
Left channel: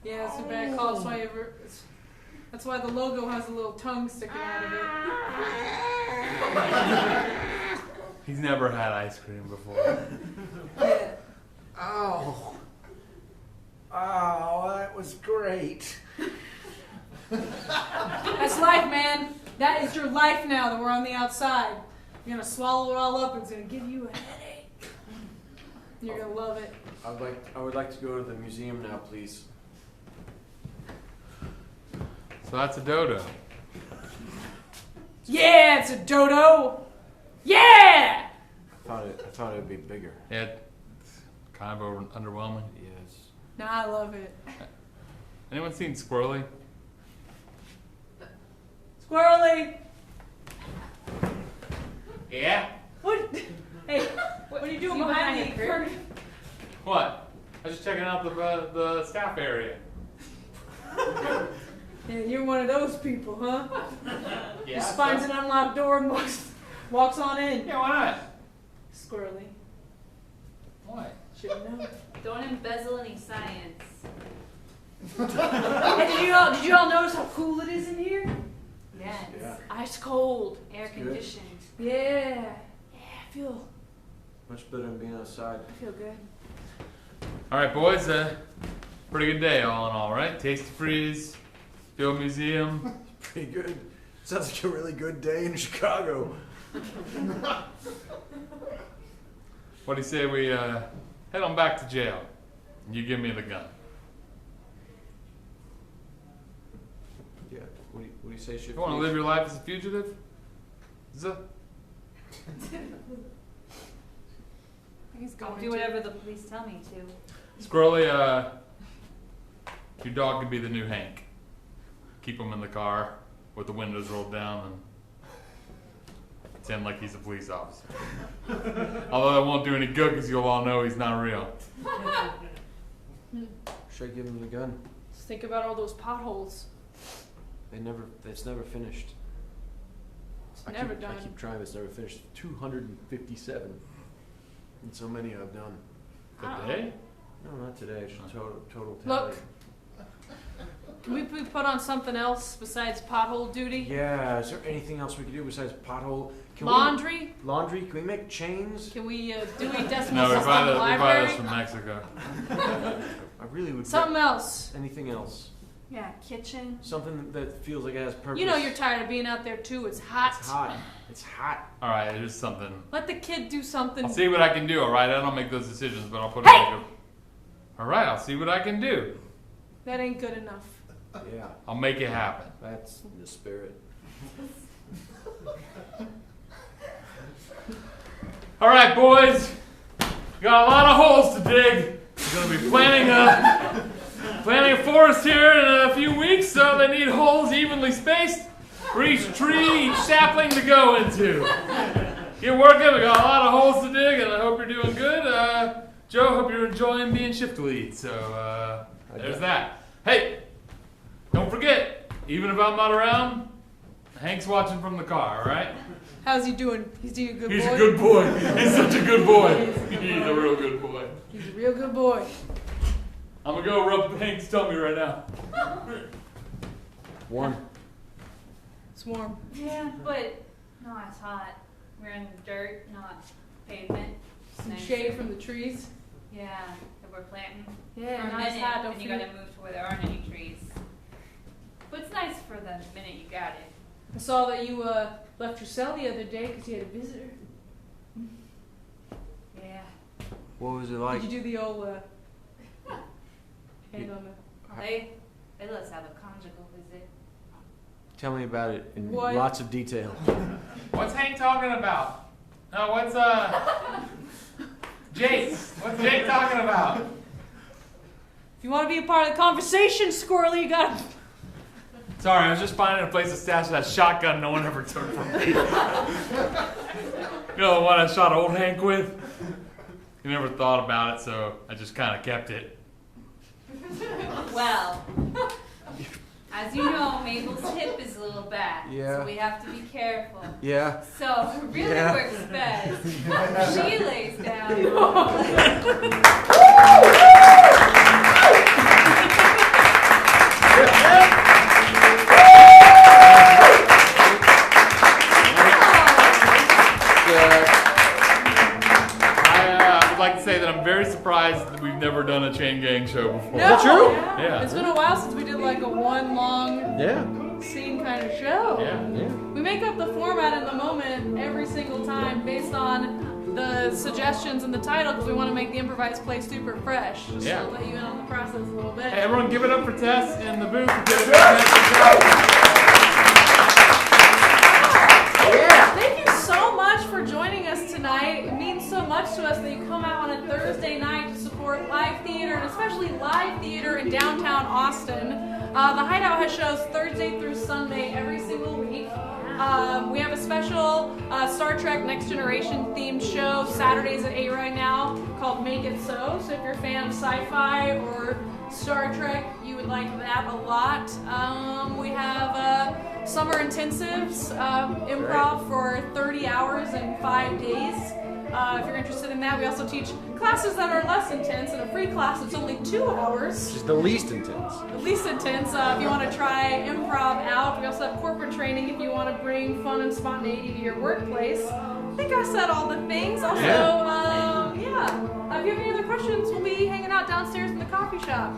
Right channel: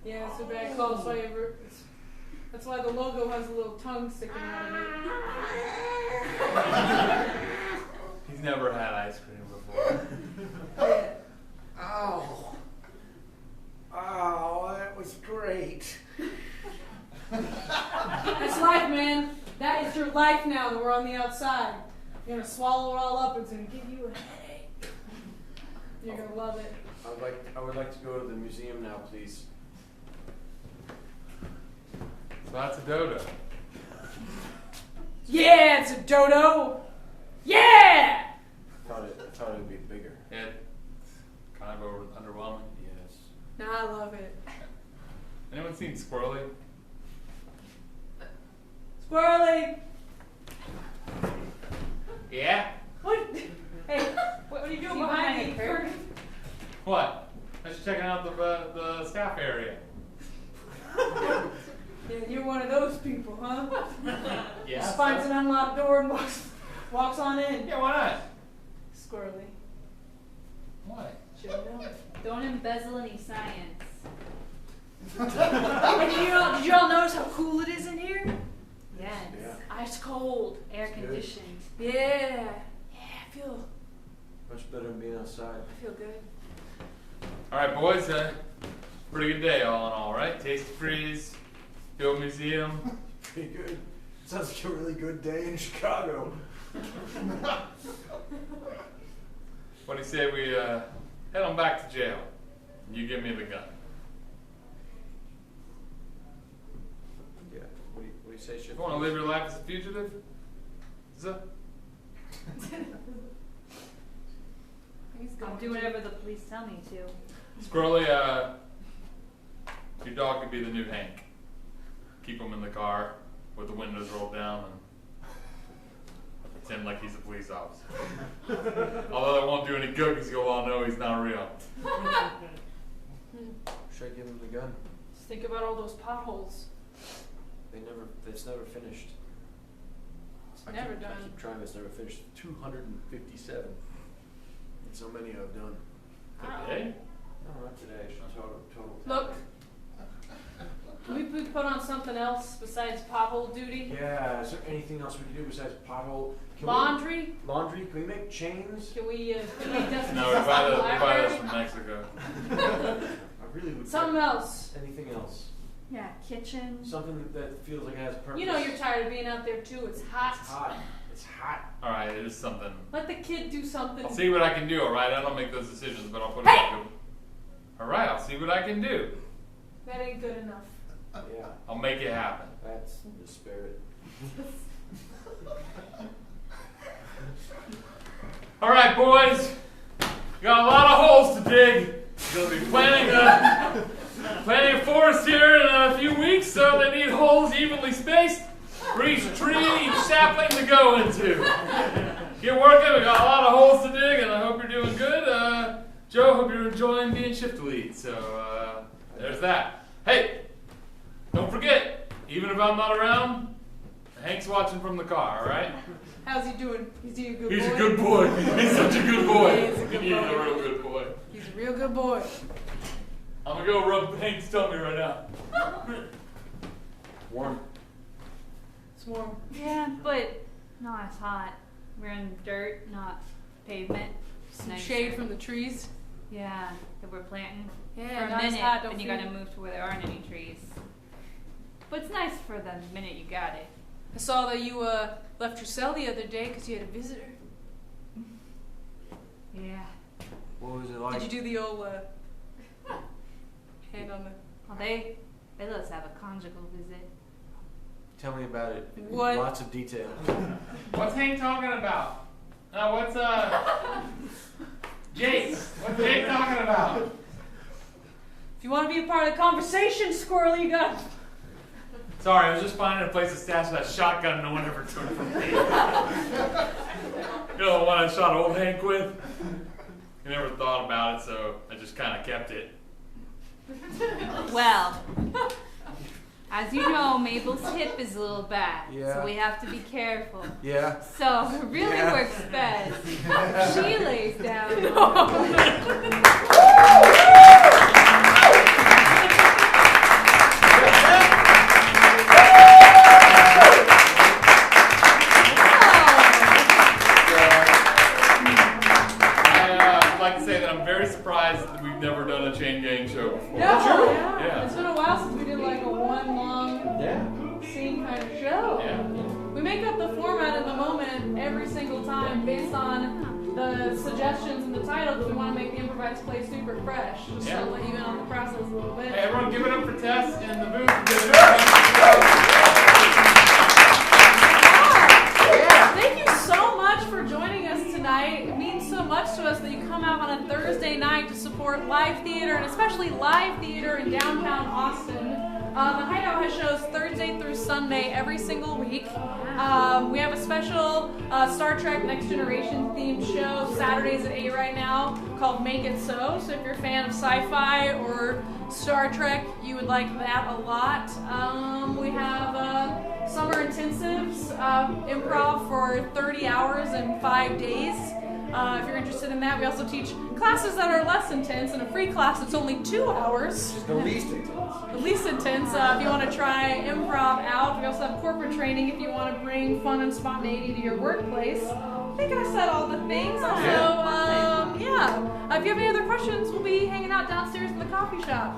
Yeah, it's a bad call. That's why the logo has a little tongue sticking out of it. He's never had ice cream before. Yeah. Oh. Oh, that was great. That's life, man. That is your life now that we're on the outside. You're gonna swallow it all up and it's gonna give you a headache. You're gonna love it. I would like to go to the museum now, please. So that's a dodo. Yeah, it's a dodo. Yeah! I thought it would be bigger. Yeah, kind of underwhelming. Yes. No, I love it. Anyone seen Squirrely? Squirrely! Yeah. What? Hey, what are you doing behind the curtain? What? I was just checking out the staff area. And you're one of those people, huh? Yeah. Just finds an unlocked door and walks on in. Yeah, why not? Squirrely. What? Should know. Don't embezzle any science. Hey, did you all notice how cool it is in here? Yes. Yeah. Ice cold. Air Good. conditioned. Yeah. Yeah, I feel Much better than being outside. good. All right, boys. Pretty good day, all in all, right? Tasty Freeze, Field Museum. Pretty good. Sounds like a really good day in Chicago. What do you say we head on back to jail? And you give me the gun. Yeah. What do you say, Shifty? You want to live your life as a fugitive? I'll do whatever the police tell me to. Squirrely, your dog could be the new Hank. Keep him in the car with the windows rolled down and pretend like he's a police officer. Although that won't do any good because you'll all know he's not real. Should I give him the gun? Just think about all those potholes. It's never finished. It's never done. I keep trying, it's never finished. 257. And so many I've done. Today? No, not today. It's total Look. Can we put on something else besides pothole duty? Yeah, is there anything else we can do besides pothole? Laundry? Laundry? Can we make chains? Can we duty decimals No, we in the buy library? those from Mexico. I really would. Something else. Anything else? Yeah, kitchen. Something that feels like it has purpose. You know you're tired of being out there too. It's hot. It's hot. It's hot. Alright, it is something. Let the kid do something. I'll see what I can do, alright? I don't make those decisions, but I'll put it back. Alright, I'll see what I can do. That ain't good enough. Yeah, I'll make it happen. that's the spirit. Alright, boys. Got a lot of holes to dig. Gonna be planting a forest here in a few weeks, so they need holes evenly spaced for each tree, each sapling to go into. Get working. We got a lot of holes to dig, and I hope you're doing good. Joe, hope you're enjoying being shift lead. So there's that. Hey, don't forget, even if I'm not around, Hank's watching from the car. All right? How's he doing? Is he a good boy? He's a good boy. He's such a good boy. He's a real good boy. He's a real good boy. I'm gonna go rub Hank's tummy right now. Warm. It's warm. Yeah, but not as hot. We're in dirt, not pavement. Some Nice. shade from the trees. Yeah, that we're planting. Yeah, for a now it's minute, hot, don't then you feel gotta it. move to where there aren't any trees. But it's nice for the minute you got it. I saw that you left your cell the other day because you had a visitor. Yeah. What was it like? Did you do the old hand on the... They let us have a conjugal visit. Tell me about it in What? lots of detail. What's Hank talking about? No, what's Jake? What's Jake talking about? If you want to be a part of the conversation, Squirrely, you got... Sorry, I was just finding a place to stash that shotgun no one ever took from me. You know the one I shot old Hank with? He never thought about it, so I just kind of kept it. Well, as you know, Mabel's hip is a little bad, Yeah. so we have to be careful. Yeah. So it really Yeah. works best. She lays down. I'd like to say that I'm very surprised that we've never done a chain gang show before. No. true? Yeah. It's been a while since we did like a one long Yeah. scene kind of show. Yeah. We make up the format in the moment every single time based on the suggestions in the title because we want to make the improvised play super fresh. Just Yeah. to let you in on the process a little bit. Hey, everyone give it up for Tess in the booth. Give it up for Tess. Thank you so much for joining us tonight. It means so much to us that you come out on a Thursday night to support live theater, and especially live theater in downtown Austin. The Hideout has shows Thursday through Sunday every single week. We have a special Star Trek Next Generation themed show Saturdays at 8 right now called Make It So. So if you're a fan of sci-fi or Star Trek, you would like that a lot. We have summer intensives, improv for 30 hours and 5 days. If you're interested in that, we also teach classes that are less intense and a free class that's only 2 hours. Which is the least intense. The least intense, if you want to try improv out. We also have corporate training if you want to bring fun and spontaneity to your workplace. I think I said all the things. Also, if you have any other questions, we'll be hanging out downstairs in the coffee shop.